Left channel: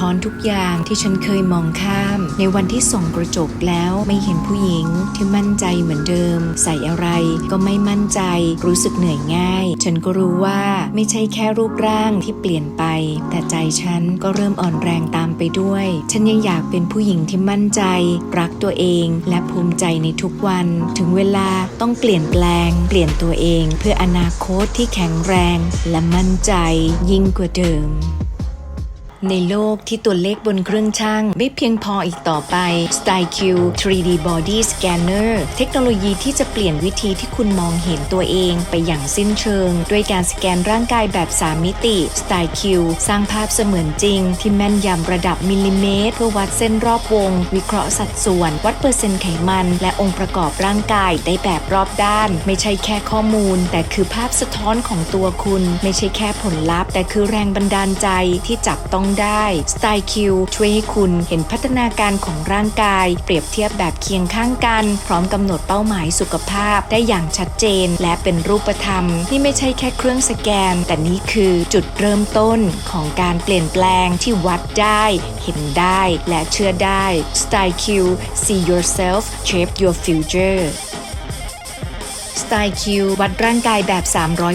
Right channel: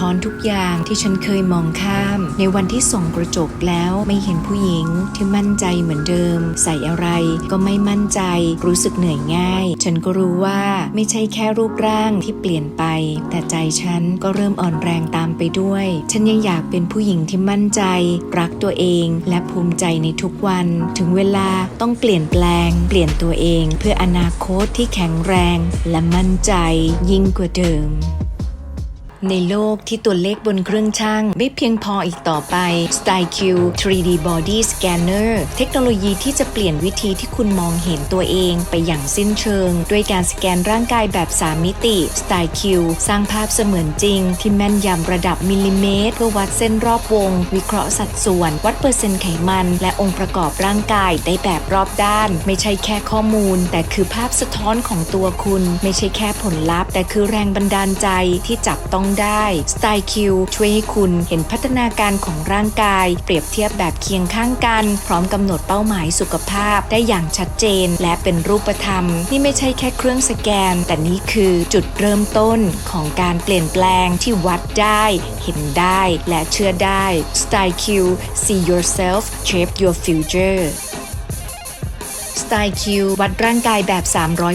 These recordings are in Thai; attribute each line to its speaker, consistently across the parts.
Speaker 1: ท้อนทุกอย่างที่ฉันเคยมองข้าม ในวันที่ส่องกระจกแล้วไม่เห็นผู้หญิงที่มั่นใจเหมือนเดิม ใส่อะไรก็ไม่มั่นใจรู้สึกเหนื่อยง่าย ฉันก็รู้ว่าไม่ใช่แค่รูปร่างที่เปลี่ยนไป แต่ใจฉันก็เริ่มอ่อนแรงตามไปด้วย ฉันยังอยากเป็นผู้หญิงที่มั่นใจ รักตัวเองและภูมิใจในทุกวัน ถึงเวลาต้องเปลี่ยนแปลง เปลี่ยนตัวเอง เพื่ออนาคตที่แข็งแรง และมั่นใจยิ่งกว่าเดิม ในโลกที่ตัวเลขบนเครื่องช่างไม่เพียงพออีกต่อไป StyleQ 3D Body Scanner เทคโนโลยีที่จะเปลี่ยนวิธีที่คุณมองเห็นตัวเองไปอย่างสิ้นเชิง ด้วยการสแกนร่างกายแบบ 3 มิติ StyleQ สร้างภาพเสมือนจริง ที่แม่นยำระดับมิลลิเมตร เพื่อวัดเส้นรอบวง วิเคราะห์สัดส่วน วัดเปอร์เซ็นต์ไขมัน และองค์ประกอบร่างกายได้แบบรอบด้าน ไม่ใช่แค่ข้อมูล แต่คือภาพสะท้อนของตัวคุณ ไม่ใช่แค่ผลลัพธ์ แต่คือแรงบันดาลใจที่จับต้องได้ Style Q ช่วยให้คุณเห็นพัฒนาการของร่างกาย เปรียบเทียบแบบเคียงข้างกัน พร้อมกำหนดเป้าหมายสุขภาพได้อย่างชัดเจน และเป็นรูปธรรม นี่ไม่ใช่แค่เครื่องสแกน แต่นี่คือจุดเริ่มต้นของการเปลี่ยนแปลงที่วัดได้ เห็นได้และเชื่อได้ Style Q See yourself shape your future สไตล์คิววัดร่างกายแบบ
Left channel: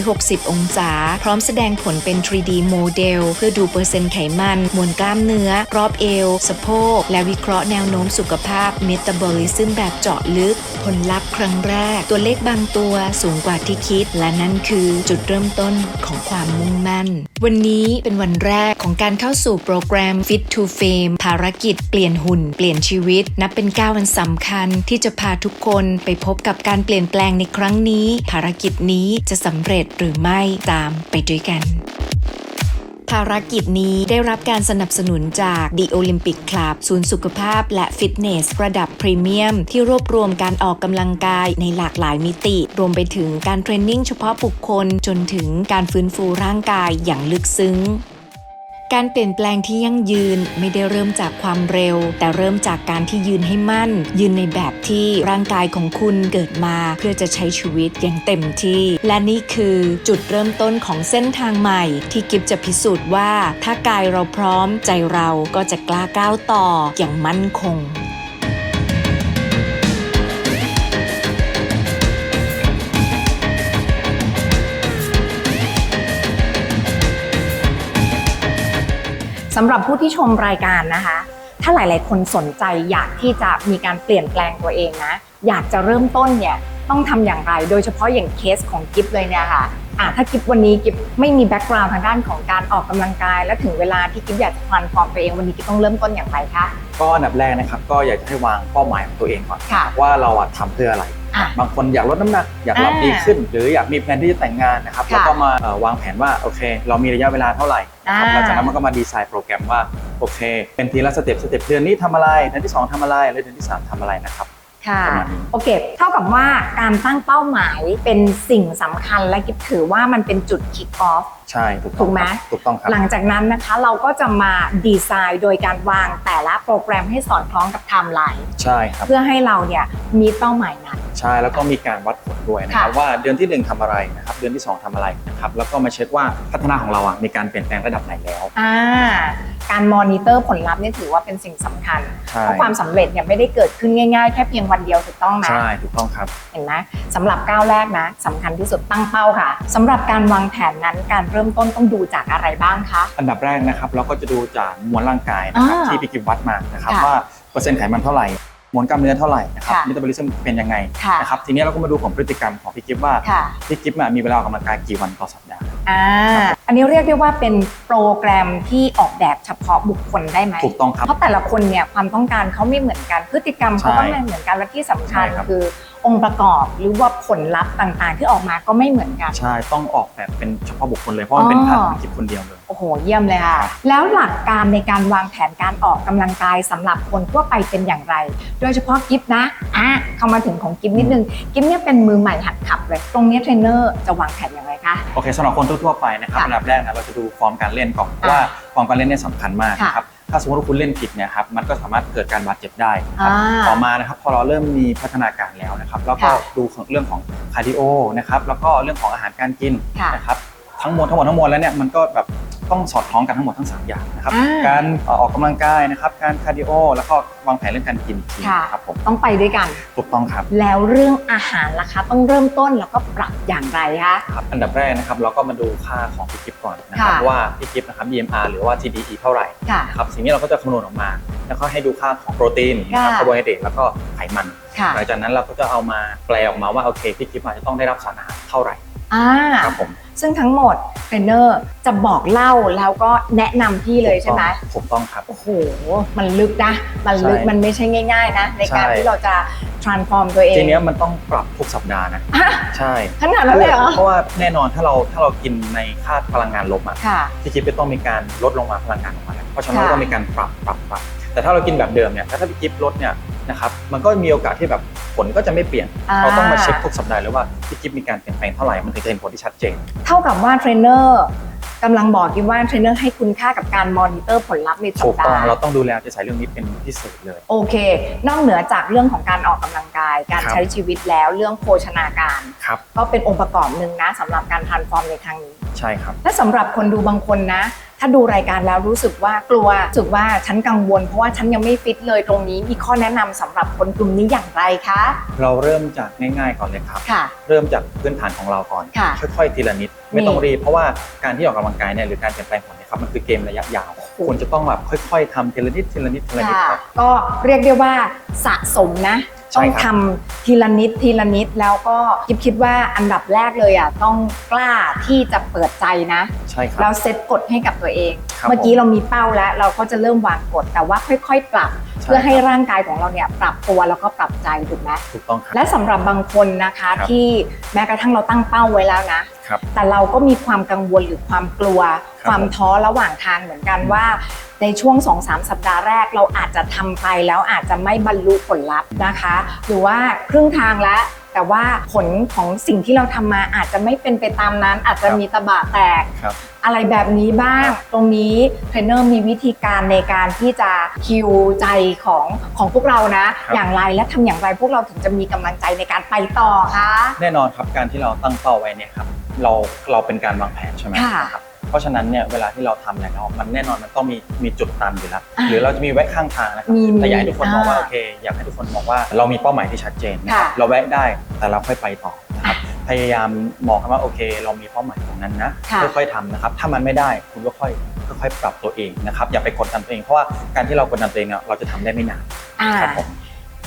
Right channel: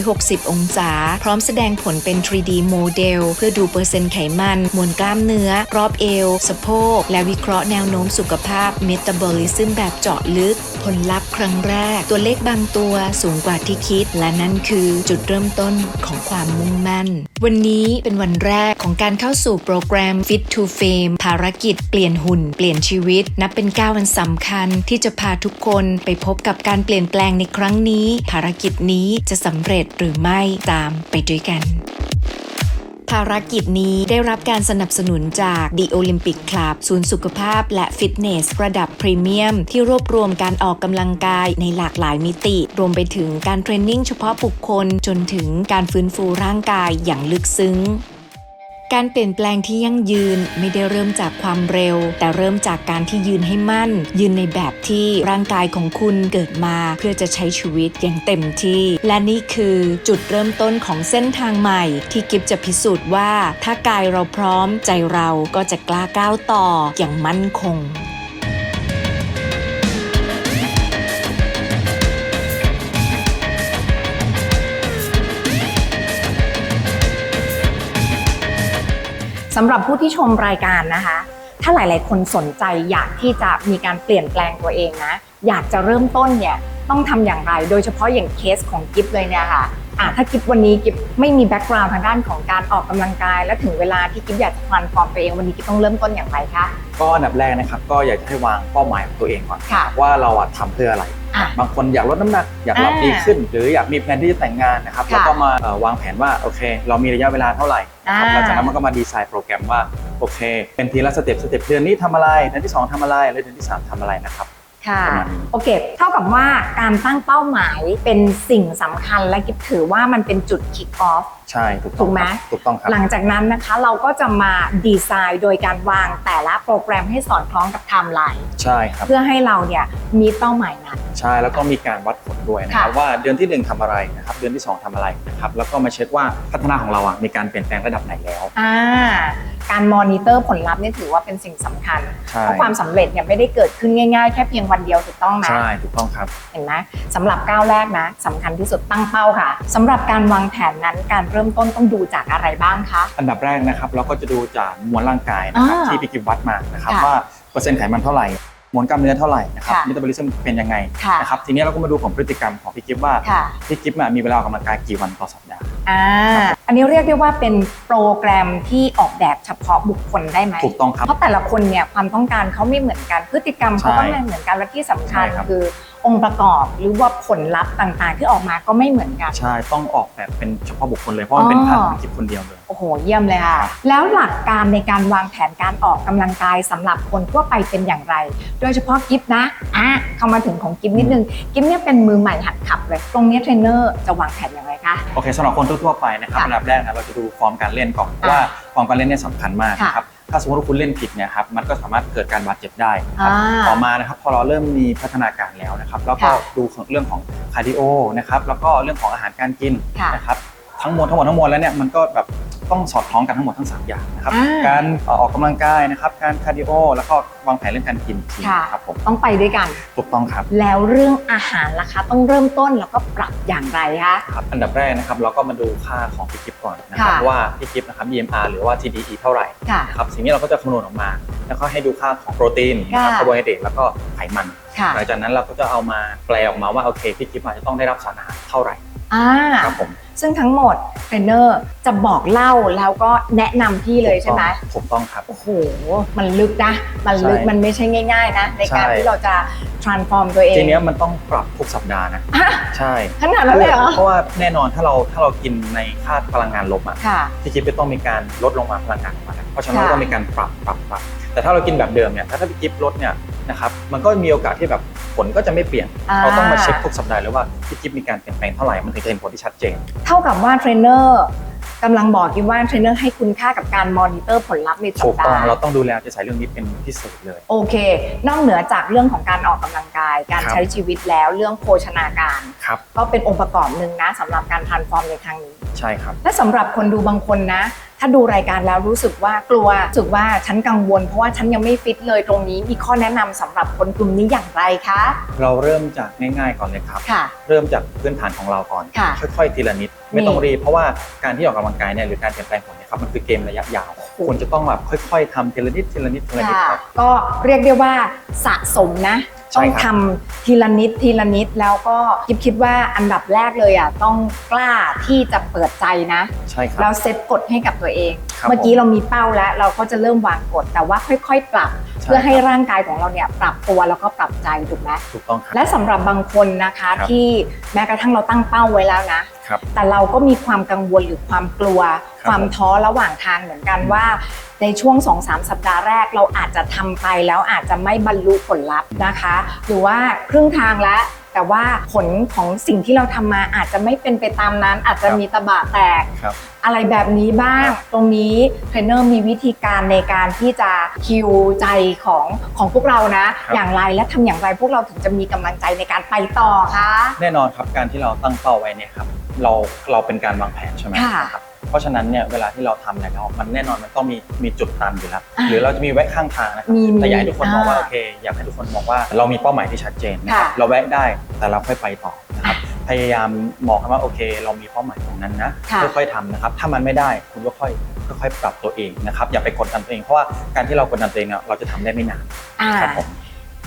Speaker 1: 360 องศา พร้อมแสดงผลเป็น 3D โมเดล เพื่อดูเปอร์เซ็นต์ไขมัน มวลกล้ามเนื้อ รอบเอว สะโพก และวิเคราะห์แนวโน้มสุขภาพเมตาบอลิซึมแบบเจาะลึก ผลลัพธ์ครั้งแรก ตัวเลขบางตัวสูงกว่าที่คิด และนั่นคือจุดเริ่มต้นของความมุ่งมั่น วันนี้เป็นวันแรกของการเข้าสู่โปรแกรม Fit to Fame ภารกิจเปลี่ยนหุ่น เปลี่ยนชีวิต นับเป็นก้าวอันสำคัญที่จะพาทุกคนไปพบกับการเปลี่ยนแปลงในครั้งนี้ ภารกิจนี้จะสำเร็จหรือไม่ตามไปด้วยกัน ภารกิจนี้ได้รับการสนับสนุนจาก The Olympic Club ศูนย์สุขภาพและฟิตเนส ระดับพรีเมียม ที่รวบรวมการออกกำลังกายในหลากหลายมิติ รวมไปถึงการเทรนนิ่งเฉพาะบุคคลจนถึงการฟื้นฟูร่างกายอย่างลึกซึ้ง การเปลี่ยนแปลงที่ยั่งยืนไม่ได้เริ่มจากความเร็ว แต่เริ่มจากการที่ยืนให้มั่น ยืนในแบบที่ร่างกายของคุณเกิดมา เพื่อจะใช้ชีวิตอย่างเต็มที่ และนี่คือจุดเริ่มต้นของเส้นทางใหม่ ที่กิฟจะพิสูจน์ว่า ถ้ากายเราพร้อมใจเราก็จะกล้าก้าวต่ออย่างมั่นคง
Speaker 2: สำหรับผู้ที่ชมรายการนะคะ ถ้าหลาย ๆ คนสนใจอยากที่จะมีการเปลี่ยนแปลงตัวเองนะ อยากจะเริ่มต้นเนี่ยต้องทำอย่างไร โดยเฉพาะอย่างเคสของกิฟเลยเนี่ยค่ะอะถ้ากิฟวันนี้กิฟไม่มีแบ็กกราวด์ทางด้านของการออกกำลังกาย และถึงเวลาที่กิฟอยากจะฟันฟอร์มตัวเองวันนี้กิฟต้องเริ่มต้นอย่างไรคะ
Speaker 3: ก็อันดับแรกนะครับก็อยากจะให้วางเป้าหมายของตัวเองก่อน
Speaker 2: ค่ะ
Speaker 3: ว่าเราอะทำเพื่ออะไร
Speaker 2: อะ
Speaker 3: บางคนอยากลดน้ำหนักอยากรับ
Speaker 2: อ่า
Speaker 3: ดีขึ้น หรืออยากมีแผนที่จะแต่งงานนะครับ
Speaker 2: ค่ะ
Speaker 3: แล้วก็มาเอ่อวางแผนว่าโอเค เรามีระยะเวลาเท่าไหร่นะครับ
Speaker 2: อ่า
Speaker 3: หลังจากนั้นมันก็มาดีไซน์โปรแกรมว่าโอเค เป็นทีละสเต็ปสเต็ปเดือนนี้ทำอะไรเดือนที่สองทำอะไรแล้วเดือนที่สามทำอะไรนะครับ
Speaker 2: ค่ะ
Speaker 3: ประมาณนี้
Speaker 2: โอเคเท่ากับว่าการตั้งเป้าหมายเป็นสิ่งสำคัญและกิฟถือว่ามันเป็นจุด kick off
Speaker 3: ใช่ถูกต้อง
Speaker 2: ถูกไหม
Speaker 3: ครับถูกต้องครับ
Speaker 2: หลังจากนั้นนะคะเราก็จะมาดีไซน์โดยการวางแต่ละโปรแกรมให้สอดคล้องกับไทม์ไลน์
Speaker 3: ใช่ครับ
Speaker 2: เพื่อให้เราเนี่ยมีเป้าหมายนั้น
Speaker 3: ใช่แล้วก็มีการวัดผลด้วยนะครับ
Speaker 2: ค่ะ
Speaker 3: ว่าเดือนที่หนึ่งทำอะไรนะครับเดือนที่สองทำอะไรนะครับแล้วก็มาเช็คว่าพัฒนาของเราอะมีการเปลี่ยนแปลงระดับไหนแล้ว
Speaker 2: อ่า การมอนิเตอร์ผลลัพธ์นี่ถือว่าเป็นสิ่งสำคัญ
Speaker 3: ใช่
Speaker 2: เพราะความสำเร็จเนี่ยไม่ได้เกิดขึ้นง่ายๆ แค่เพียงวันเดียวถูกต้องไหม
Speaker 3: ใช่ ถูกต้องครับ
Speaker 2: เห็นไหมสำหรับก้าวแรกนะสำคัญที่สุดตั้งเป้าค่ะสำหรับการวางแผนนั้นการเริ่มต้นต้องดูจากอะไรบ้างคะ
Speaker 3: อันดับแรกนะครับเราก็จะดูจากมวลร่างกายนะครับ
Speaker 2: อ่า
Speaker 3: ที่พี่กิฟวัดมานะครับ
Speaker 2: ค่ะ
Speaker 3: ว่าเปอร์เซ็นต์ไขมันเท่าไหร่ มวลกล้ามเนื้อเท่าไหร่นะครับ
Speaker 2: ค่ะ
Speaker 3: มิตาบอลิซึมเป็นยังไง
Speaker 2: ค่ะ
Speaker 3: นะครับทีนี้เราก็มาดูของพฤติกรรมของพี่กิฟว่า
Speaker 2: ค่ะ
Speaker 3: พี่กิฟอะมีเวลาออกกำลังกายกี่วันต่อสัปดาห์
Speaker 2: อ่าอันนี้เรียกได้ว่าเป็นโปรแกรมที่ออกแบบเฉพาะบุคคลได้ไหม
Speaker 3: ถูกต้องครับ
Speaker 2: เพราะแต่ละคนเนี่ยความต้องการเขาไม่เหมือนกันพฤติกรรมเขาก็ไม่เหมือนกันและที่สำคัญ
Speaker 3: ใช่ครับ
Speaker 2: คือ องค์ประกอบหรือว่าผลลัพธ์ต่างๆ ที่ออกมาก็ไม่เหมือนกัน
Speaker 3: ใช่ต้องออกแบบเป็นเฉพาะบุคคลเลยเพราะมันเป็น
Speaker 2: อ๋อ
Speaker 3: ภาพของพี่กิฟคนเดียวเลย
Speaker 2: โอ้โห เยี่ยมเลยค่ะ แล้วหลักการในการวางแผนการออกกำลังกายสำหรับคนทั่วไปเป็นอย่างไร โดยเฉพาะกิฟนะอะเข้ามาถึงของกิฟนิดนึงกิฟเนี่ยเป็นมือใหม่หัดขับเลย ตรงเนี้ยเทรนเนอร์จะวางแผนอย่างไรคะ
Speaker 3: โอเคสำหรับคนทั่วๆไปนะครับ
Speaker 2: ค่ะ
Speaker 3: อันดับแรกนะเราจะดูฟอร์มการเล่นก่อนเพราะว่าฟอร์มการเล่นเนี่ยสำคัญมาก
Speaker 2: ค่ะ
Speaker 3: นะครับ ถ้าสมมติว่าคุณเล่นผิดเนี่ยครับมันก็สามารถเกิดการบาดเจ็บได้นะครับ
Speaker 2: อ่า
Speaker 3: ต่อมานะครับพอเราเริ่มมีพัฒนาการแล้วนะครับแล้วก็
Speaker 2: ค่ะ
Speaker 3: ดูเรื่องของคาร์ดิโอนะครับแล้วก็เรื่องของอาหารการกิน
Speaker 2: ค่ะ
Speaker 3: นะครับทั้งมวลทั้งหมดทั้งมวลแล้วเนี่ยมันก็แบบ ต้องสอดคล้องกันทั้งหมดทั้ง 3 อย่างนะครับ
Speaker 2: อ่า
Speaker 3: การเอ่อออกกำลังกายนะครับ การคาร์ดิโอ แล้วก็วางแผนเรื่องการกินอีกที
Speaker 2: ค่ะ
Speaker 3: ครับผม
Speaker 2: ต้องไปด้วยกัน
Speaker 3: ถูกต้องครับ
Speaker 2: แล้วเรื่องอาหารล่ะคะ ต้องเริ่มต้นแล้วก็ปรับอย่างไรคะ
Speaker 3: ครับอันดับแรกนะครับเราก็มาดูค่าของพี่กิฟก่อนนะครับ
Speaker 2: ค่ะ
Speaker 3: ว่าพี่กิฟนะครับ BMR หรือว่า TDE เท่าไหร่
Speaker 2: ค่ะ
Speaker 3: นะครับสิ่งนี้เราก็จะคำนวณออกมา แล้วก็ให้ดูค่าของโปรตีนนะครับ
Speaker 2: ค่ะ
Speaker 3: คาร์โบไฮเดรตแล้วก็ไขมัน
Speaker 2: ค่ะ
Speaker 3: หลังจากนั้นเราก็จะเอามาแปลออกมาว่าโอเคพี่กิฟอาจจะต้องได้รับสารอาหารเท่าไหร่
Speaker 2: อ่า
Speaker 3: ครับผม
Speaker 2: ซึ่งทั้งหมดเทรนเนอร์จะบอกเล่าแล้วก็แนะนำพี่เลยใช่ไหม
Speaker 3: ถูกต้องครับ
Speaker 2: โอ้โห มันลึกนะ มันลึก
Speaker 3: ใช่
Speaker 2: มันไม่ใช่ง่าย ๆ นะ ในการ
Speaker 3: ใช่
Speaker 2: ที่เราจะ transform ตัวเอง
Speaker 3: ทีเนี้ยมันต้องปรับทุกสัปดาห์นะ
Speaker 2: อะ
Speaker 3: ใช่
Speaker 2: ขนาดนั้นเลยเหรอ
Speaker 3: เพราะว่าแน่นอนถ้าเราถ้าเรากินในค่าพลังงานลบอะ
Speaker 2: ค่ะ
Speaker 3: พี่กิฟจะต้องมีการลดลงมาพลังงานลงมาแล้วเพราะฉะนั้น
Speaker 2: ค่ะ
Speaker 3: เราต้องมีการปรับปรับปรับ แต่ถ้าเรากินแบบเดิมเนี่ยถ้าถ้าพี่กิฟลดเนี่ยนะครับมันก็มีโอกาสที่แบบ ผลก็จะไม่เปลี่ยน
Speaker 2: อ่า
Speaker 3: เราต้องมาเช็คทุกสัปดาห์เลยว่าพี่กิฟมีการเปลี่ยนแปลงเท่าไหร่มันถึงจะเห็นผลที่ชัดเจน
Speaker 2: เท่ากับว่าเทรนเนอร์กำลังบอกกินว่าเทรนเนอร์ให้คุณค่ากับการมอนิเตอร์ผลลัพธ์ในสั
Speaker 3: ถู
Speaker 2: ป
Speaker 3: กต้อง
Speaker 2: ดาห์
Speaker 3: เราต้องดูแลจะใช้เรื่องนี้เป็นพิเศษเลย
Speaker 2: โอเค นอกเหนือจากเรื่องของการออกกำลังกาย การ
Speaker 3: ครับ
Speaker 2: ใช้ชีวิตแล้วเรื่องโภชนาการ
Speaker 3: ครับ
Speaker 2: ก็เป็นองค์ประกอบหนึ่งนะสำหรับการ transform ในครั้งนี้
Speaker 3: ใช่ครับ
Speaker 2: และสำหรับคนดูบางคนนะ ถ้าดูรายการแล้วรู้สึกว่ากลัวรู้สึกว่าฉันกังวล เพราะว่าฉันยังไม่ฟิตเลยตรงนี้มีข้อแนะนำสำหรับคนกลุ่มนี้อย่างไรคะ
Speaker 3: เราเริ่มจากง่ายๆก่อนเลยครับ
Speaker 2: ค่ะ
Speaker 3: เริ่มจากพื้นฐานของเราก่อน
Speaker 2: ค่ะ
Speaker 3: ค่อยๆทีละนิด ไม่ต้องรีบเพราะว่าการที่ออกกำลังกายเนี่ยหรือการเปลี่ยนแปลงผลเนี่ยครับมันคือเกมระยะยาวคุณจะต้องแบบค่อย ๆทำทีละนิดทีละนิดทีละนิด
Speaker 2: ค่ะ
Speaker 3: ครับ
Speaker 2: ก็เรียกได้ว่าสะสมนะ
Speaker 3: ใช่
Speaker 2: ต้อง
Speaker 3: ครับ
Speaker 2: ทำทีละนิดทีละนิดแล้วก็คิดคิดว่าอันดับแรกเลยอะต้องกล้าที่จะเปิดใจนะ
Speaker 3: ใช่ครับ
Speaker 2: แล้วเซตกฎให้กับตัวเอง
Speaker 3: ครับ
Speaker 2: เมื่อกี้เรามีเป้าแล้ว เราก็จะเริ่มวางกฎแต่ว่าค่อย ๆ ปรับ
Speaker 3: ใช่
Speaker 2: เพื่อให้
Speaker 3: ครับ
Speaker 2: ร่างกายของเราเนี่ยปรับตัวแล้วก็ปรับใจถูกไหม
Speaker 3: ถูกต้องครับ
Speaker 2: และสำหรับบางคนนะคะ
Speaker 3: ครับ
Speaker 2: ที่แม้กระทั่งเราตั้งเป้าไว้แล้วนะ
Speaker 3: ครับ
Speaker 2: แต่เราก็มีความกังวลหรือความกลัว
Speaker 3: ครับ
Speaker 2: ความท้อระหว่างทางเหมือนกันว่า ในช่วง 2-3 สัปดาห์แรกเราอาจจะทำไปแล้วอาจจะไม่บรรลุผลลัพธ์นะคะ หรือว่าครึ่งทางแล้วแต่ว่าผลของสิ่งที่เราทำมาอาจจะไม่เป็นไปตามนั้น อาจจะมีตะบะแตก
Speaker 3: ครับ
Speaker 2: อะไรแบบนี้บ้าง
Speaker 3: ครับ
Speaker 2: ตรงนี้เทรนเนอร์มีวิธีการในการที่จะคิวใจของของพวกเรานะ
Speaker 3: ครับ
Speaker 2: อย่างไรและทำอย่างไรพวกเราถึงจะมีกำลังใจในการไปต่อคะ
Speaker 3: แน่นอนครับการที่เราตั้งเป้าไว้เนี่ยครับเราเราเป็นการวางแผนใช่ไหม
Speaker 2: ค่ะ
Speaker 3: นะครับ เพราะฉะนั้นเนี่ยเวลาที่เราทำอะไรแล้วมันแน่นอนมันต้องมีมีจุดตันอยู่แล้ว
Speaker 2: อ่า
Speaker 3: หรือเราจะมีแวะข้างทางนะครับ
Speaker 2: มีมี
Speaker 3: แต่อยากให้ทุกคนมองว่า
Speaker 2: อ่า
Speaker 3: โอเคอยากให้ทุกคนมองว่าเรามีเป้าหมายที่ชัดเจนนะครับ
Speaker 2: ค่ะ
Speaker 3: เราแวะได้แต่เราค่อยไปต่อนะครับพยายามมองครับว่าโอเค เรามีเป้าหมายตรงนั้นนะ
Speaker 2: ค่ะ
Speaker 3: ค่อยๆทำนะครับ ถ้ามันไม่ได้คุณก็ค่อยค่อยๆปรับตัวเองนะครับ อย่าไปกดดันตัวเอง เพราะว่าการที่เรากดดันตัวเองเนี่ยเราจะทำได้ไม่นาน
Speaker 2: อ่า
Speaker 3: ครับผม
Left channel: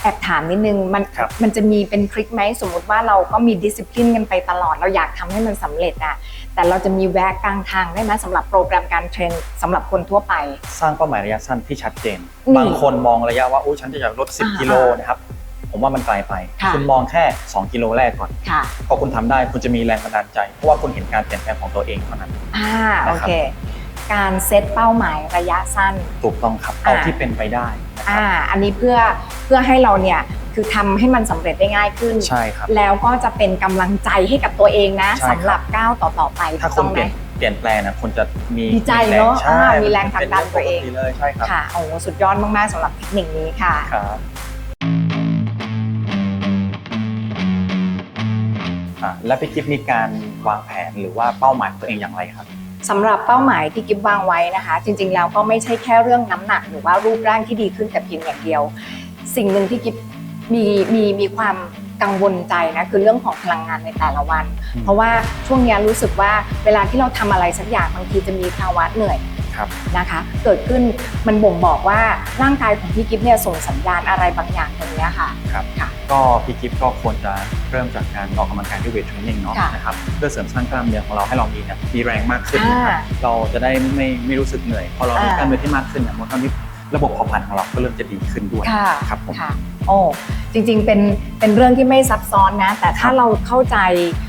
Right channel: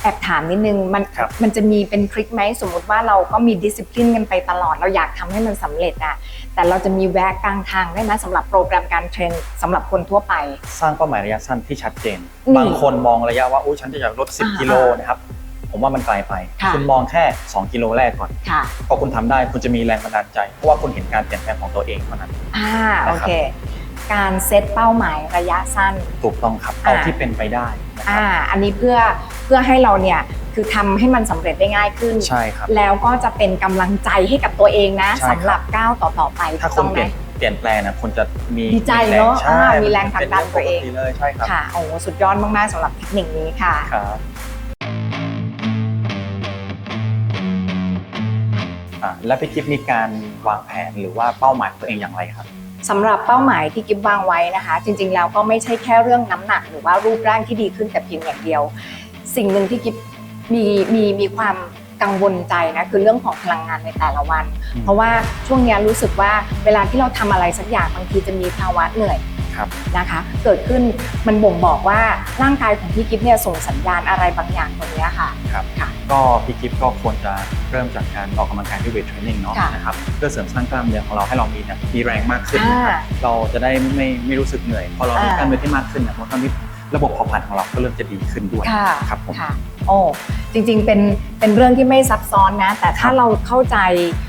Speaker 2: แอบถามนิดนึงมัน
Speaker 3: ครับ
Speaker 2: มันจะมีเป็นทริคไหมสมมุติว่าเราก็มีดิสซิ p ลินกันไปตลอดเราอยากทำให้มันสำเร็จอะแต่เราจะมีแวะกลางทางได้ไหมสำหรับโปรแกรมการเทรนสำหรับคนทั่วไป
Speaker 3: สร้างเป้าหมายระยะสั้นที่ชัดเจน
Speaker 2: นี่
Speaker 3: บางคนมองระยะว่าโอ้ฉันจะอยากลด
Speaker 2: อ่า
Speaker 3: 10 กิโลนะครับ ผมว่ามันไกลไป
Speaker 2: ค่ะ
Speaker 3: คุณมองแค่ 2 กิโลแรกก่อน
Speaker 2: ค่ะ
Speaker 3: พอคุณทำได้คุณจะมีแรงบันดาลใจ เพราะว่าคุณเห็นการเปลี่ยนแปลงของตัวเองเท่านั้น
Speaker 2: อ่า
Speaker 3: นะ
Speaker 2: โอ
Speaker 3: ครับ
Speaker 2: เค การเซตเป้าหมายระยะสั้น
Speaker 3: ถูกต้องครับเอา
Speaker 2: อ่า
Speaker 3: ที่เป็นไปได้นะค
Speaker 2: อ่า
Speaker 3: รับ
Speaker 2: อันนี้เพื่อเพื่อให้เราเนี่ยคือทำให้มันสำเร็จได้ง่ายขึ้น
Speaker 3: ใช่ครับ
Speaker 2: แล้วก็จะเป็นกำลังใจให้กับตัวเองนะ
Speaker 3: ใช่ครับ
Speaker 2: สำหรับก้าวต่อๆไป
Speaker 3: ถ้า
Speaker 2: ถูก
Speaker 3: คุ
Speaker 2: ต้
Speaker 3: ณ
Speaker 2: อง
Speaker 3: เป
Speaker 2: ไหม
Speaker 3: ลี่ยนเปลี่ยนแปลงนะคุณจะมี
Speaker 2: ดีใจเนอะ
Speaker 3: ใช่
Speaker 2: อ่ามีแรงผลักดันตัวเอง
Speaker 3: ป็นรื่ปกเลยใช่ครับ
Speaker 2: ค่ะโอ้สุดยอดมากๆสำหรับเทคนิคนี้ค่ะ
Speaker 3: ครับอ่าแล้วพี่กิฟมีการวางแผนหรือว่าเป้าหมายตัวเองอย่างไรครับ
Speaker 2: สำหรับเป้าหมายที่กิฟวางไว้นะคะ จริงๆแล้วก็ไม่ใช่แค่เรื่องน้ำหนัก หรือว่ารูปร่างที่ดีขึ้นแต่เพียงอย่างเดียว สิ่งหนึ่งที่กิฟมีมีมีความกังวลใจนะคือเรื่องของพลังงานในแต่ละวัน เพราะว่าช่วงนี้รู้สึกว่าเวลาที่เราทำอะไรสักอย่างบางทีจะมีภาวะเหนื่อย นะคะเกิดขึ้นมันบ่งบอกว่าร่างกายของพี่กิฟเนี่ยส่งสัญญาณอะไรบางอย่างตรงเนี้ยค่ะ
Speaker 3: ครับ
Speaker 2: ค่ะ
Speaker 3: ก็พี่กิฟก็ควรจะเริ่มจากการออกกำลังกายด้วยเวทเทรนนิ่งเนาะ
Speaker 2: ค่ะ
Speaker 3: นะครับเพื่อเสริมสร้างกล้ามเนื้อของเราให้เรามีเนี่ยมีแรงมากขึ้นนะครับ
Speaker 2: อ่า
Speaker 3: เราจะได้ไม่ไม่รู้สึกเหนื่อยพอเรามี
Speaker 2: อ่าก
Speaker 3: ล้ามเนื้อที่มากขึ้นเนี่ยมันก็มีระบบเผาผลาญของเราก็เริ่มจะดีขึ้นด้วย
Speaker 2: ค่ะ
Speaker 3: ครับผม
Speaker 2: ค่ะโอ้จริงๆเป็นเป็นเรื่องที่ไม่ซับซ้อนนะ แต่ถ้า
Speaker 3: ครับ
Speaker 2: เราเข้าใจเอ่อ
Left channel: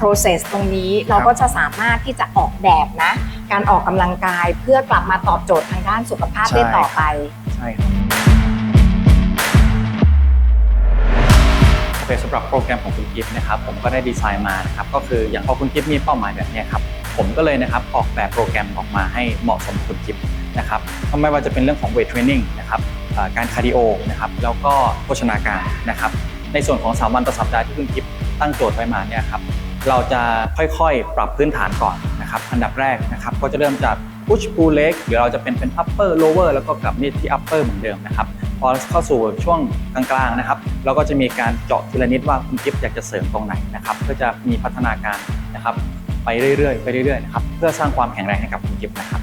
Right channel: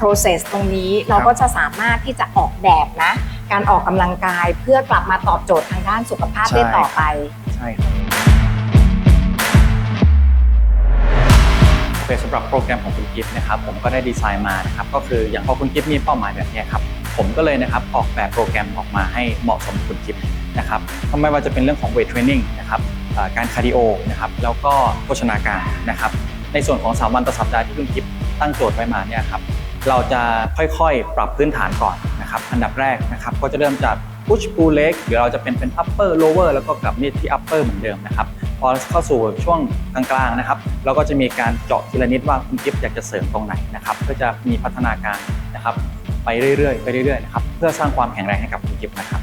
Speaker 2: process ตรงนี้เราก็จะสามารถที่จะออกแบบนะ การออกกำลังกายเพื่อกลับมาตอบโจทย์ทางด้านสุขภาพได้ต่อไป
Speaker 3: ใช่ครับโอเคสำหรับโปรแกรมของคุณกิฟต์นะครับผมก็ได้ดีไซน์มานะครับก็คืออย่างพอคุณกิฟต์มีเป้าหมายแบบเนี้ยครับผมก็เลยนะครับออกแบบโปรแกรมออกมาให้เหมาะสมกับคุณกิฟต์นะครับไม่ว่าจะเป็นเรื่องของเวทเทรนนิ่งนะครับอ่าการคาร์ดิโอนะครับแล้วก็โภชนาการนะครับในส่วนของ 3 วันต่อสัปดาห์ที่คุณกิฟต์ ตั้งโจทย์ไว้มาเนี่ยครับเราจะค่อยๆ ปรับพื้นฐานก่อนนะครับอันดับแรกนะครับก็จะเริ่มจาก push pull leg หรือเราจะเป็นเป็น upper lower แล้วก็กลับนี่ที่ upper เหมือนเดิมนะครับพอเข้าสู่ช่วงกลางๆนะครับ เราก็จะมีการเจาะทีละนิดว่าคุณกิฟต์อยากจะเสริมตรงไหนนะครับเพื่อจะมีพัฒนาการนะครับไปเรื่อยๆไปเรื่อยๆนะครับเพื่อสร้างความแข็งแรงให้กับคุณกิฟต์นะครับ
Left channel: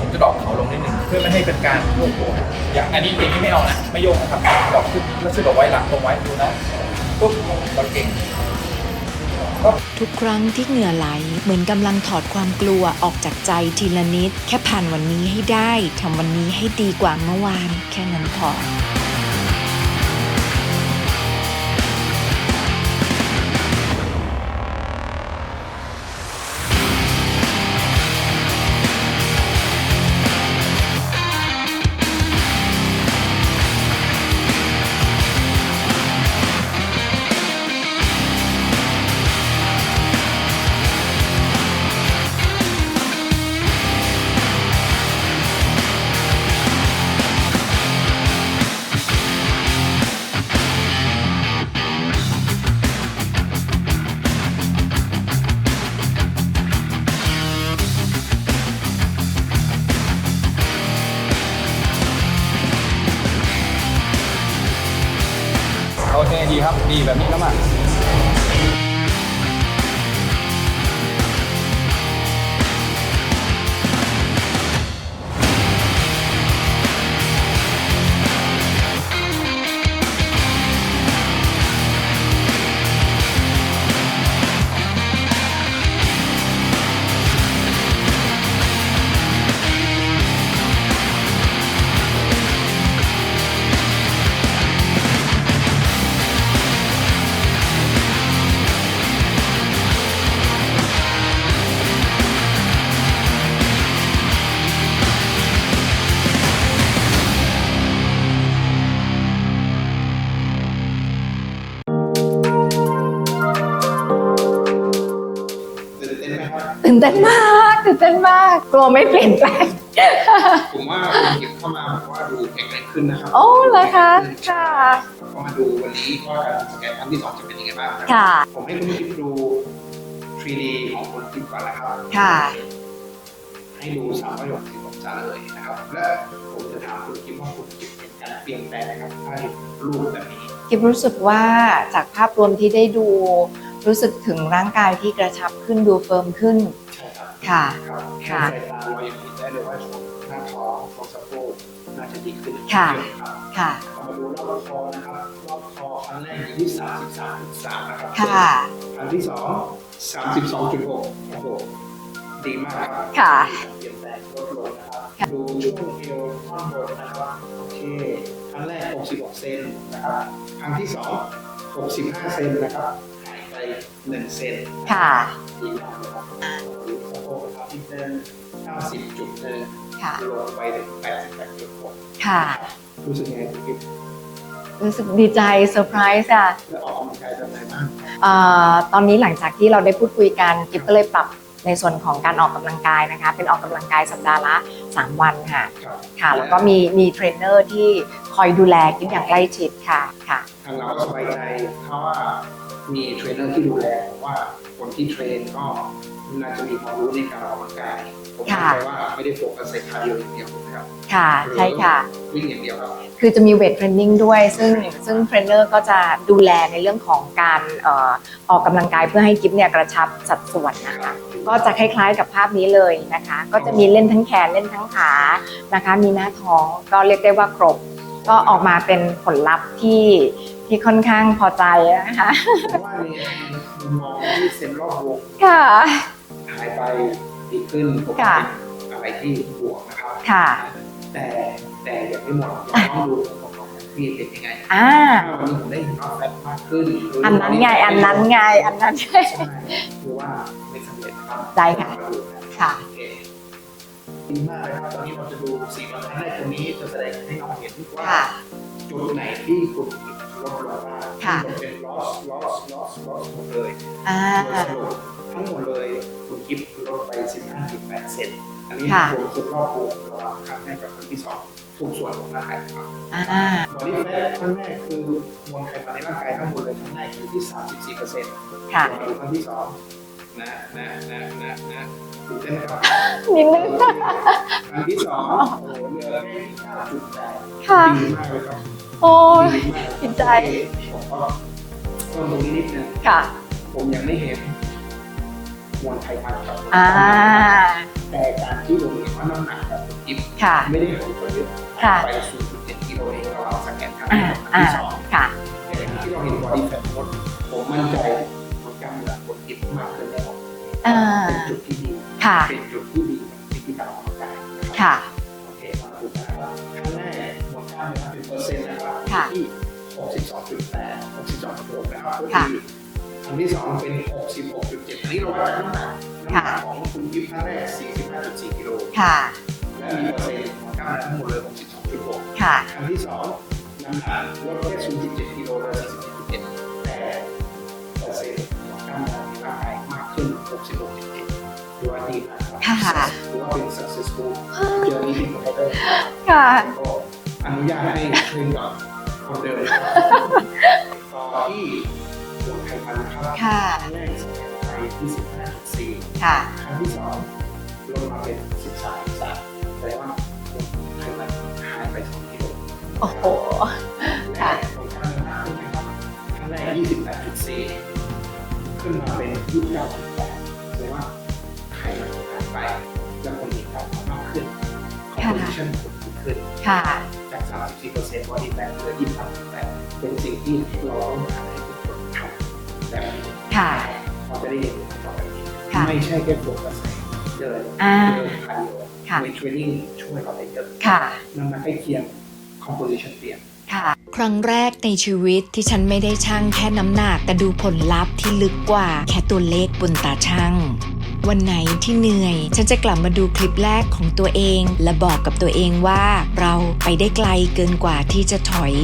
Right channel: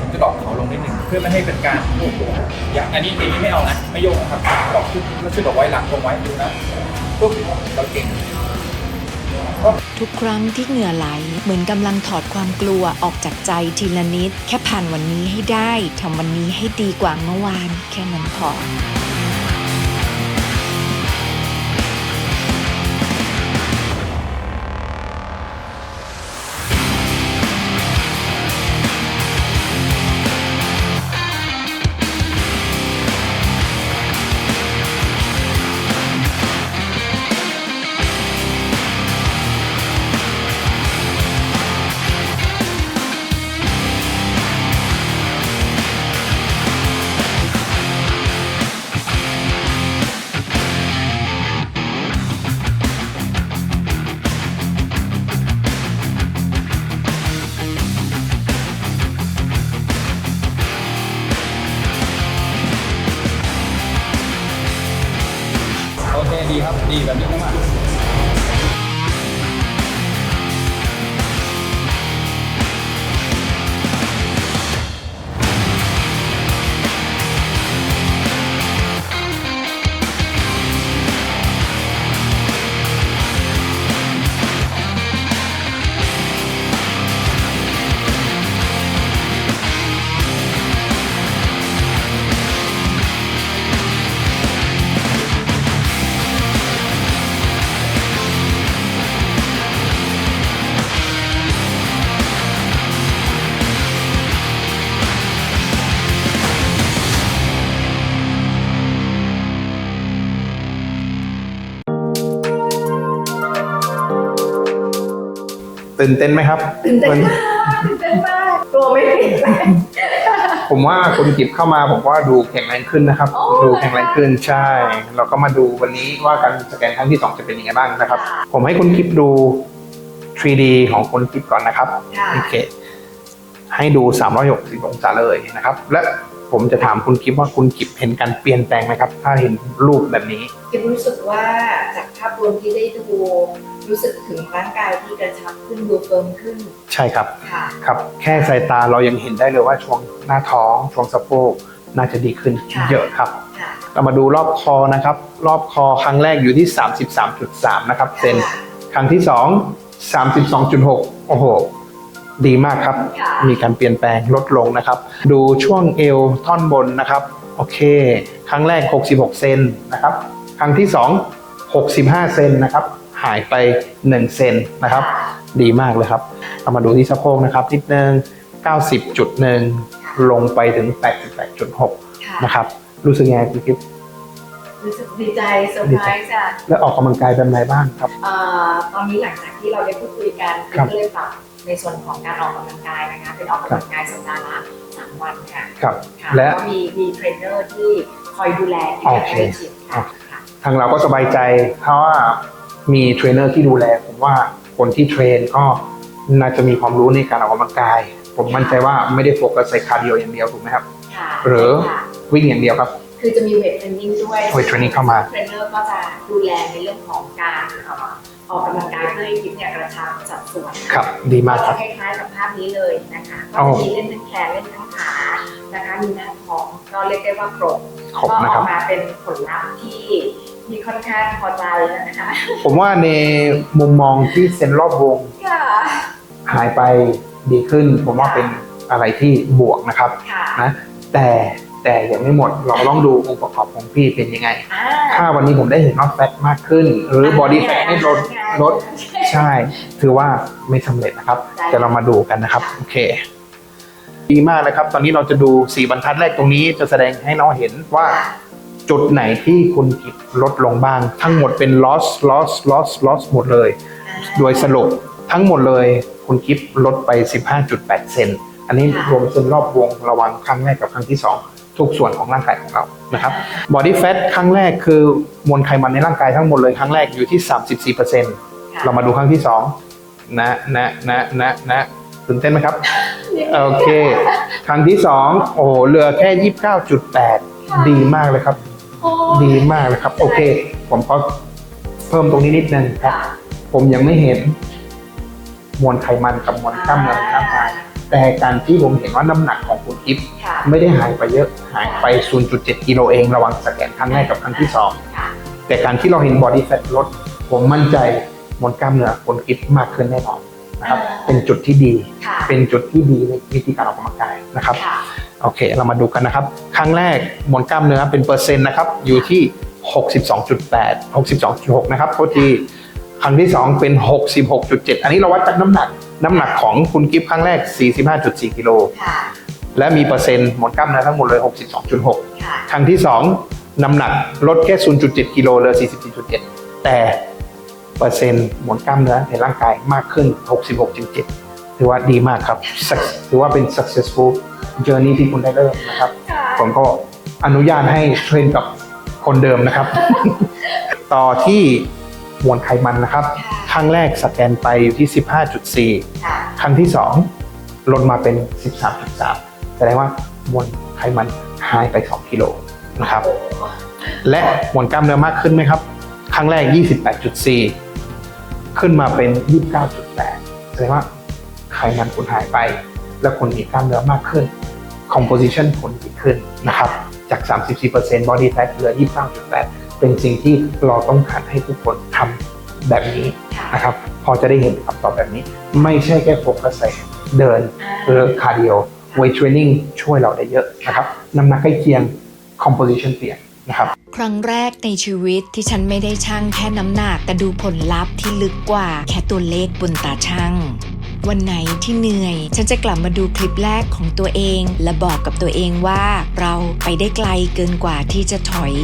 Speaker 4: ผมจะดรอปเขาลงนิดนึงเพื่อไม่ให้เป็นการโยกตัวอย่างอันนี้เองนี่ไม่เอานะไม่โยกนะครับดรอปขึ้นแล้วช่วยดรอปไว้หลังตรงไว้ดูนะปุ๊บเราเก่ง
Speaker 1: ทุกครั้งที่เหงื่อไหลเหมือนกำลังถอดความกลัวออกจากใจทีละนิด แค่ผ่านวันนี้ให้ได้ทำวันนี้ให้ดีกว่าเมื่อวาน แค่นั้นพอ
Speaker 4: ดีครับดีแบบนี้แล้วมา
Speaker 5: ตื่นเต้นไหมครับ
Speaker 2: ตื่นเต้นมากตื่นเต้นมาก กลัวไม่เปลี่ยนแปลง
Speaker 5: ผมว่าคุณกิฟเข้ามาผมว่าดูแข็งแรงขึ้นนะครับ
Speaker 2: โอ้
Speaker 5: ดู
Speaker 2: เหรอ
Speaker 5: แข็งแรงขึ้น
Speaker 2: คะ
Speaker 5: ใช่ เราก็มาดูวันนี้ว่าการสแกนครั้งที่2จะเป็นยังไงบ้างนะครับ
Speaker 2: ค่ะ
Speaker 5: ผมให้คุณกิฟดู 3D ของคุณกิฟก่อนนะครับ
Speaker 2: ค่ะ
Speaker 5: โอเคให้ดู 360องศาเลยนะครับ และผมจะถามคุณกิฟว่าคุณกิฟเห็นการเปลี่ยนแปลงไหมครับ ถ้าเห็นรูปแบบนี้
Speaker 2: กิฟรู้สึกว่าจากภาพรวมที่ได้ดู รู้สึกถึงร่างกายที่กระชับขึ้นดูเฟิร์มขึ้น
Speaker 5: ใช่ครับ
Speaker 2: ค่ะ
Speaker 5: ครับ แค่สายตาเรายังเห็นได้เลยว่าช่วงหน้าท้องช่วงสะโพกน่าจะดีขึ้น
Speaker 2: ค่ะ
Speaker 5: เยอะครับ
Speaker 2: ค่ะ
Speaker 5: เรามาดูรอบคอนะครับ รอบคอครั้งแรกอยู่ที่ 33.3 นะครับเซน
Speaker 2: ค่ะ
Speaker 5: ครั้งที่2 32.6 โอ้โห ดีมากครับ
Speaker 2: ค่ะ
Speaker 5: มีการเปลี่ยนแปลงลดลงนะครับ ดูช่วงเอวท่อนบนนะครับ โอเค ครั้งแรก 66 เซนนะครับ ครั้งที่2 65 เซนนะครับ หายไป 1 เซนนะครับ
Speaker 2: ค่ะ
Speaker 5: ดีมากเลยครับเรามาดูที่สะโพกนะครับนิดนึง
Speaker 2: ค่ะ
Speaker 5: 90.1 ลงไปถึง 88.6
Speaker 2: ค่ะ
Speaker 5: นะครับ รู้สึกยังไงคุณกิฟ
Speaker 2: รู้สึกดีใจเซอร์ไพรส์อะ
Speaker 5: แล้วออกกำลังกายแบบไหนบ้างครับ
Speaker 2: เอ่อตอนนี้หลังจากที่เราได้พูดคุยกัน
Speaker 5: ครั
Speaker 2: กิ๊
Speaker 5: บ
Speaker 2: ก็เลยปรับในส่วนของการออกกำลังกายนะคะ เป็นออกกำลังกายสัปดาห์ละ 3 วันค่ะ
Speaker 5: ครับ
Speaker 2: ค่ะ
Speaker 5: และ
Speaker 2: แล้วก็มีมีเทรนเนอร์ที่คอยดูแลกิ๊อย่าง
Speaker 5: โอเค
Speaker 2: ใกล้ชิดค่ะ
Speaker 5: ครับ
Speaker 2: ค่ะ
Speaker 5: ทางเราก็สบายใจเพราะว่า มีเทรนเนอร์ที่ดูแลผมว่าคนที่เทรนก็น่าจะมีความรู้ในการออกกำลังกาย ผม
Speaker 2: ค่ะ
Speaker 5: มั่นใจว่าไม่ได้โฟกัสใส่คาร์ดิโออย่างเดียวถูกไหมครับ
Speaker 2: ค่ะ
Speaker 5: หรือ
Speaker 2: ใช่ค่ะ
Speaker 5: วิ่งอย่างเดียวครับ
Speaker 2: คือจะมีเวทเทรนนิ่งด้วย
Speaker 5: เวท
Speaker 2: ซึ่ง
Speaker 5: เทรนนิ่งเข้ามา
Speaker 2: ซึ่งเทรนเนอร์ก็จะดูแลในเรื่องของการเอ่อออกกำลังกายเพื่อให้กิ๊บเนี่ยกระชับสัดส่วนนะ
Speaker 5: ครับดีมา
Speaker 2: ก็
Speaker 5: ก
Speaker 2: จะคล้ายๆกับภาพนี้เลยนะคะ ก็จะ
Speaker 5: อ๋อ
Speaker 2: มีเล่นทั้งแขนเล่นทั้งขานะคะ มีหน้าท้องก็เรียกได้ว่าครบ
Speaker 5: ขอบ
Speaker 2: ก็
Speaker 5: นะ
Speaker 2: อ
Speaker 5: ค
Speaker 2: อ
Speaker 5: รั
Speaker 2: ก
Speaker 5: บ
Speaker 2: มาเป็นผลลัพธ์ที่ ที่ค่อนข้างพอใจนะคะ
Speaker 5: ผมว่าในมุมมองที่เซนรอบวง
Speaker 2: ค่ะ
Speaker 5: หายไปดีขึ้น ผมว่า
Speaker 2: ค่ะ
Speaker 5: เป็นอะไรที่บวกนะครับ
Speaker 2: ค่ะ
Speaker 5: นะแต่แต่ยังไม่หมดเราต้องดูองค์ประกอบของพี่เป็นยังไง
Speaker 2: อ่า
Speaker 5: ถ้าวันนี้ผมได้เห็นว่าแฟตมากขึ้น หรือ
Speaker 2: อัน
Speaker 5: บอ
Speaker 2: นั้น
Speaker 5: ดี้
Speaker 2: ไง
Speaker 5: แฟท
Speaker 2: อัน
Speaker 5: ไม่ล
Speaker 2: นั้
Speaker 5: ด
Speaker 2: นไง
Speaker 5: ล
Speaker 2: อั
Speaker 5: ด
Speaker 2: นนั้น
Speaker 5: ใช่ ถือว่าไม่สำเร็จนะครับ
Speaker 2: ได้ค่ะ
Speaker 5: แต่เรามาดูกันนะครับ
Speaker 2: ค่ะ
Speaker 5: โอเค ดีมากนะครับ ตอนนี้เราจะดูสีบรรทัดแรกตรงนี้จะแสดงให้น้องเห็นว่า
Speaker 2: ค่ะ
Speaker 5: จุดไหนที่คุณกิจลดลงบ้าง ทั้งหมดเป็น loss loss loss loss หมดเลย
Speaker 2: อ่า
Speaker 5: โดยสรุปทั้งหมดเลยคุณกิฟลดไป 15.8 เซนอันนี้
Speaker 2: ค่ะ
Speaker 5: รวมเส้นรอบวงระหว่างครั้งแรกกับครั้งที่ 2 ทุกส่วนของร่างกายของเรานะครับ
Speaker 2: อ่า
Speaker 5: body fat ครั้งแรกคือมวลไขมันในร่างกายทั้งหมดเลยครั้งแรกอยู่ที่ 34%
Speaker 2: ค่ะ
Speaker 5: เรามาดูครั้งที่2นะนะนะนะนะตื่นเต้นไหมครับ
Speaker 2: นิดนึง
Speaker 5: โอเค ครั้งที่สองโอ้โหเหลือแค่ยี่สิบเก้าจุดแปด
Speaker 2: ค่ะ
Speaker 5: ดีมากเลยครับ
Speaker 2: โอ้ย
Speaker 5: ดีมากเลยครับ
Speaker 2: ดี
Speaker 5: โอ
Speaker 2: ใจ
Speaker 5: เค ผมขอเพิ่มตรงนี้นิดนึง
Speaker 2: ค่ะ
Speaker 5: ผมยังไม่เห็น มวลไขมันกับมวล
Speaker 2: อ่าก
Speaker 5: ล้ามเนื้อในร่างกายแต่การที่ผมเห็นว่าน้ำหนักของคุณกิฟต์
Speaker 2: ค่ะ
Speaker 5: ไม่ได้หายไปเยอะหาย
Speaker 2: ค่ะ
Speaker 5: ไป 0.7 กิโลเองระหว่างสแกนครั้งแรกกับครั้งที่สอง
Speaker 2: ค่ะ
Speaker 5: แต่การที่เราเห็นบอดี้แฟทลด ผมมั่นใจมวลกล้ามเนื้อคุณกิฟต์มากขึ้นแน่นอนนะครับ
Speaker 2: อ่า
Speaker 5: เป็นจุดที่ดี
Speaker 2: ค่ะ
Speaker 5: เป็นจุดที่ดีในวิธีการออกกำลังกายนะครับ
Speaker 2: ค่ะ
Speaker 5: โอเค เรามาดูกันนะครับ ครั้งแรกมวลกล้ามเนื้อเป็นเปอร์เซ็นต์นะครับ อยู่ที่ 62.8 62.6 นะครับโทษทีครั้งที่ 2 เป็น 66.7 อันนี้เราวัดจากน้ำหนัก น้ำหนักของคุณกิฟต์ครั้งแรก 45.4 กิโล
Speaker 2: ค่ะ
Speaker 5: และมีเปอร์เซ็นต์มวลกล้ามเนื้อทั้งหมดเลย 62.6
Speaker 2: ค่ะ
Speaker 5: ครั้งที่ 2 น้ำหนักลดแค่ 0.7 กิโลเหลือ 44.7 แต่เปอร์เซ็นต์มวลกล้ามเนื้อในร่างกายมากขึ้น 66.7 ถือว่าดีมากครับ
Speaker 2: ค่ะ
Speaker 5: Suc- ถือว่าเป็น successful journey ที่คุณได้เริ่มนะครับ
Speaker 2: ค่ะ
Speaker 5: ผมก็อนุญาตให้เทรนกับคนเดิมนะครับ ต่อที่มวลไขมันนะครับ
Speaker 2: ค่ะ
Speaker 5: ครั้งแรกสแกนไปอยู่ที่ 15.4
Speaker 2: ค่ะ
Speaker 5: ครั้งที่ 2 ลดมาเป็น 13.3 แสดงว่ามวลไขมันหายไป 2 กิโลนะครับ
Speaker 2: โอ้โห
Speaker 5: และมวลกล้ามเนื้อมากขึ้นไหมครับ ครั้งแรก 28.4 ขึ้นมาเป็น 29.8 แสดงว่า ไขมันคุณหายไป และคุณมีกล้ามเนื้อมากขึ้น composition คุณดีขึ้นนะครับ
Speaker 2: ค่ะ
Speaker 5: จาก 34% body fat เหลือ29.8เป็นสิ่งที่เราต้องการให้ทุกคนทำแบบนี้
Speaker 2: ค่ะ
Speaker 5: นะครับพอจะได้เห็นคำตอบแบบนี้
Speaker 2: ค่ะ
Speaker 5: ไม่ใช่แค่โฟกัสใส่เดิน
Speaker 2: อ่า
Speaker 5: หรือคาร์ดิโอ
Speaker 2: ค่ะ
Speaker 5: เวทเทรนนิ่งช่วยเราได้เยอะนะครับน้ำหนักใกล้เคียง composition เปลี่ยนนะครับ
Speaker 1: ครั้งแรกในชีวิตที่ฉันไม่ได้ชั่งแค่น้ำหนักแต่ดูผลลัพธ์ที่ลึกกว่าแค่ตัวเลขบนตาช่าง วันไหนที่เหนื่อย ฉันจะกลับมาดูคลิปแรกของตัวเอง และบอกกับตัวเองว่าเราไปได้ไกลเกินกว่าที่จะถอย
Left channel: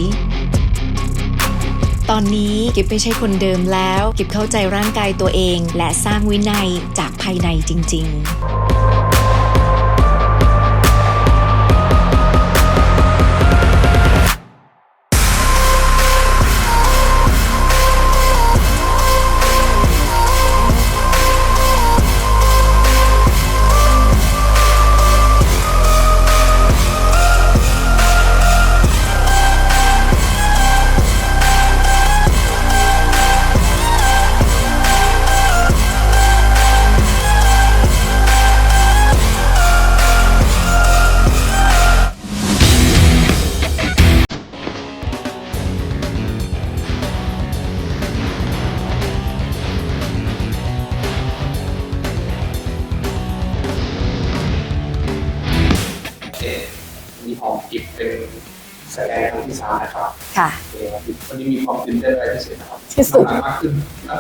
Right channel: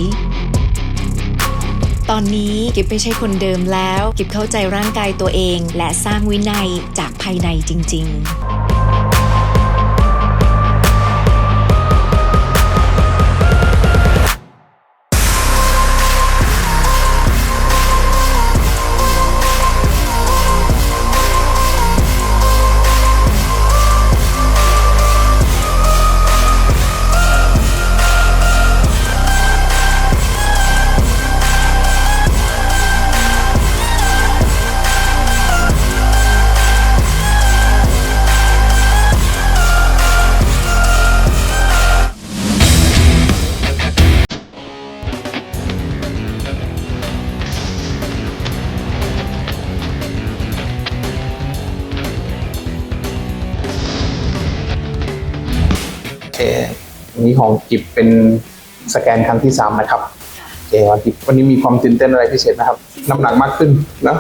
Speaker 1: ตอนนี้กิบไม่ใช่คนเดิมแล้ว กิบเข้าใจร่างกายตัวเอง และสร้างวินัยจากภายในจริง ๆ
Speaker 5: ของจิบเป็นสแกนครั้งที่ 3 นะครับ
Speaker 2: ค่ะ
Speaker 5: โอเควันที่วันนี้มีความตื่นเต้นอะไรพิเศษนะครับ
Speaker 2: ที่สุด
Speaker 5: น้ำหนักมากขึ้นนะ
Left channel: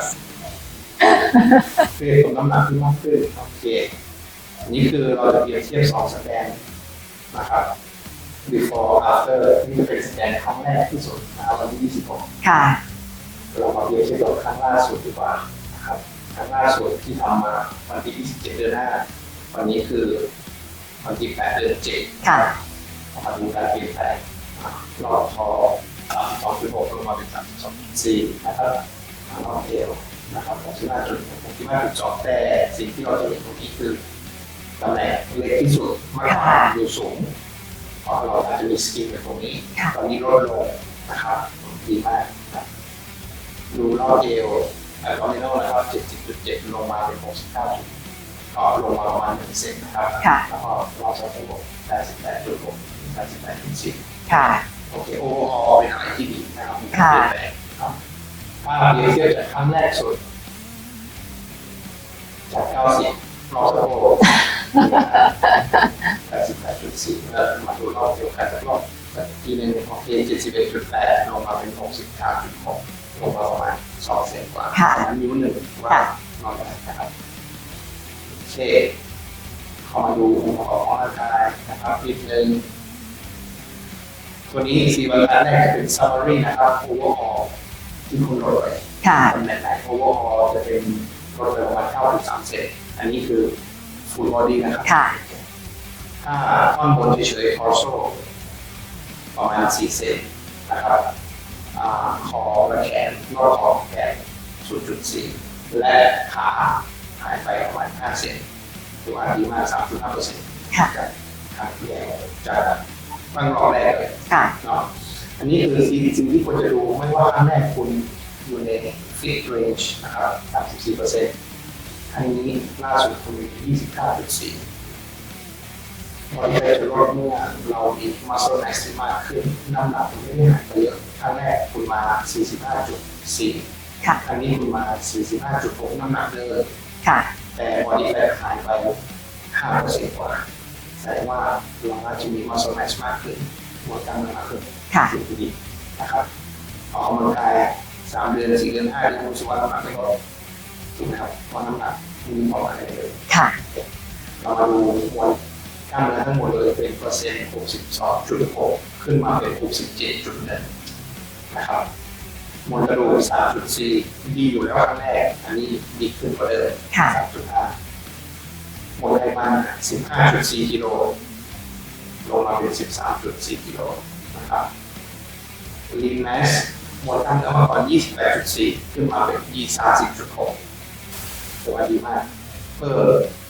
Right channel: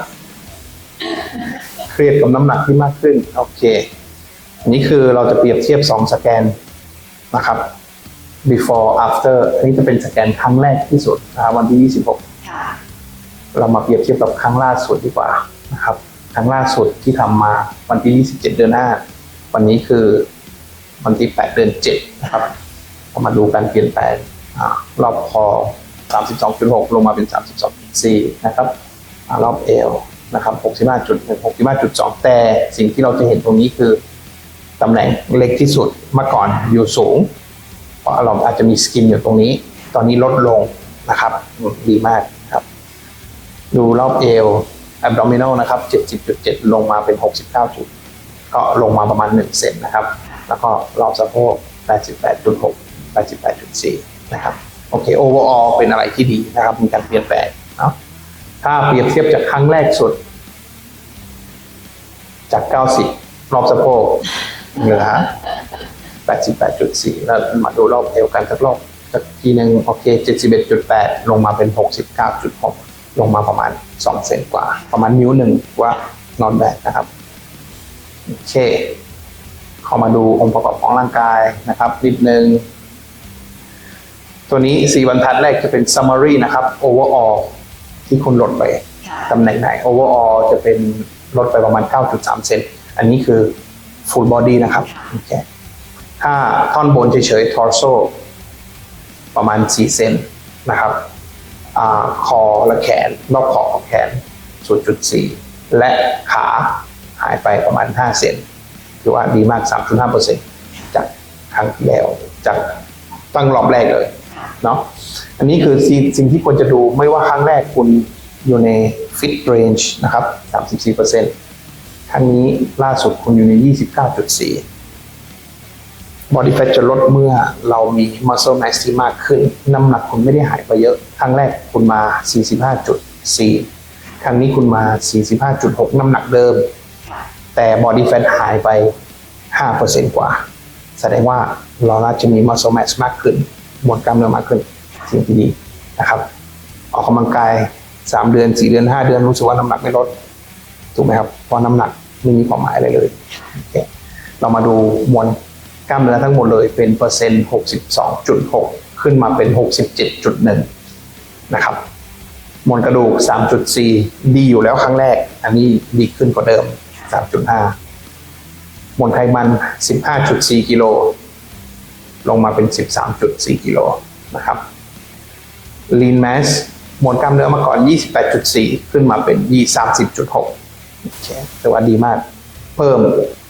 Speaker 5: เครียดกับน้ำหนักที่มากขึ้น โอเคอันนี้คือเราจะเปรียบเทียบ 2 สแกนนะครับ before after อันนี้จะเป็นสแกนครั้งแรกที่สุดนะครับวันที่ 26
Speaker 2: ค่ะ
Speaker 5: เรามาเปรียบเทียบกับครั้งล่าสุดดีกว่านะครับ ครั้งล่าสุดที่ทำมาวันที่ 27 เดือน 5 วันนี้คือวันที่ 8 เดือน7นะครับ
Speaker 2: ค่ะ
Speaker 5: เรา มาดูการเปลี่ยนแปลงอารอบคอ 32.6 ลงมาเป็น 32.4 นะครับอารอบเอวนะครับ 65.1 65.2 แต่สิ่งที่เราจะเห็นตรงนี้คือตำแหน่งเล็กที่สุดเมื่อก่อน
Speaker 2: ค่ะ
Speaker 5: อยู่สูง เพราะเราอาจจะมีสกินอยู่ตรงนี้
Speaker 2: ค่ะ
Speaker 5: ตอนนี้ลดลงนะครับดีมากครับ ดูรอบเอว abdominal นะครับ 70.7 ลงมาเป็น 69จุดก็ลงมาประมาณ 1 เซนนะครับ
Speaker 2: ค่ะ
Speaker 5: แล้วก็รอบสะโพก 88.6 88.4
Speaker 2: ค่ะ
Speaker 5: โอเค overall เป็นอะไรที่ดีนะครับมีการ
Speaker 2: ค่ะ
Speaker 5: เปลี่ยนแปลงเนาะถ้าเปรียบเทียบจากครั้งแรกสุด จาก 90 รอบสะโพกเหลือ88.4 แล้วมาดูรอบเอวกันสักรอบสักทีหนึ่งโอเค 71.8 ลงมาเป็น 69.6 ลงมาประมาณ 2 เซนกว่า
Speaker 2: ค่ะ
Speaker 5: ประมาณนิ้วหนึ่งว่า
Speaker 2: ค่ะ
Speaker 5: นอนแบกนะครับโอเคเข้ามาดูองค์ประกอบของร่างกายนะครับนิดนึง ตัวนี้ 4 บรรทัดแรกจะเป็น summary นะครับ overall ที่คุณลดไป
Speaker 2: ค่ะ
Speaker 5: ตำแหน่งไหน overall จะเป็นลดไปประมาณ 9.3 เซนอันนี้คือ full body นะครับ
Speaker 2: ค่ะ
Speaker 5: โอเคถ้าท่อนบนเฉยๆ torso ประมาณ 4 เซนนะครับอาคอและแขน รอบขอบของแขน 0.4 และขาหายไปประมาณ 5 เซนโอเคถือว่าดีมาก 3.5%
Speaker 2: ค่ะ
Speaker 5: จากครั้งที่แล้วจาก ตั้งรอบแรกเลย
Speaker 2: ค่ะ
Speaker 5: เนาะอันนี้คือสิ่งสิ่งที่ควรจะดูไม่ว่าครั้งแรกคุณอยู่ใน fit range นะครับ 34%ครั้งนี้ล่าสุดคุณอยู่ใน 29.4 body fat จะลดเมื่อเรามี muscle mass ที่มากขึ้น น้ำหนักคุณไม่ได้หายไปเยอะ ครั้งแรกคุณมา 45.4
Speaker 2: ค่ะ
Speaker 5: ครั้งนี้คุณมา 45.6 น้ำหนักเดิม
Speaker 2: ค่ะ
Speaker 5: แต่ body fat หายไป 5%กว่า แสดงว่าเราน่าจะมี muscle mass มากขึ้นมวลกล้ามเนื้อมากขึ้น
Speaker 2: ค่ะ
Speaker 5: สิ่งที่ดีนะครับ ออกกำลังกาย 3 เดือน 4 เดือน 5 เดือนรู้สึกว่าน้ำหนักไม่ลดถูกไหมครับเพราะน้ำหนักไม่มีความหมายอะไรเลย
Speaker 2: ค่ะ
Speaker 5: โอเคเรามาดูมวลกล้ามเนื้อทั้งหมดเลยเป็นเปอร์เซ็นต์ 62.6 ขึ้นมาเป็น 67.1 นะครับมวลกระดูก 3.4 ดีอยู่แล้วครั้งแรก อันนี้ดีขึ้นกว่าเดิม
Speaker 2: ค่ะ
Speaker 5: 3.5 มวลไขมัน 15.4 กิโล ลงมาเป็น 13.4 กิโลนะครับ lean mass มวลกล้ามเนื้อมาก่อน 28.4 ขึ้นมาเป็น 30.6โอเคถือว่าดีมาก เพิ่ม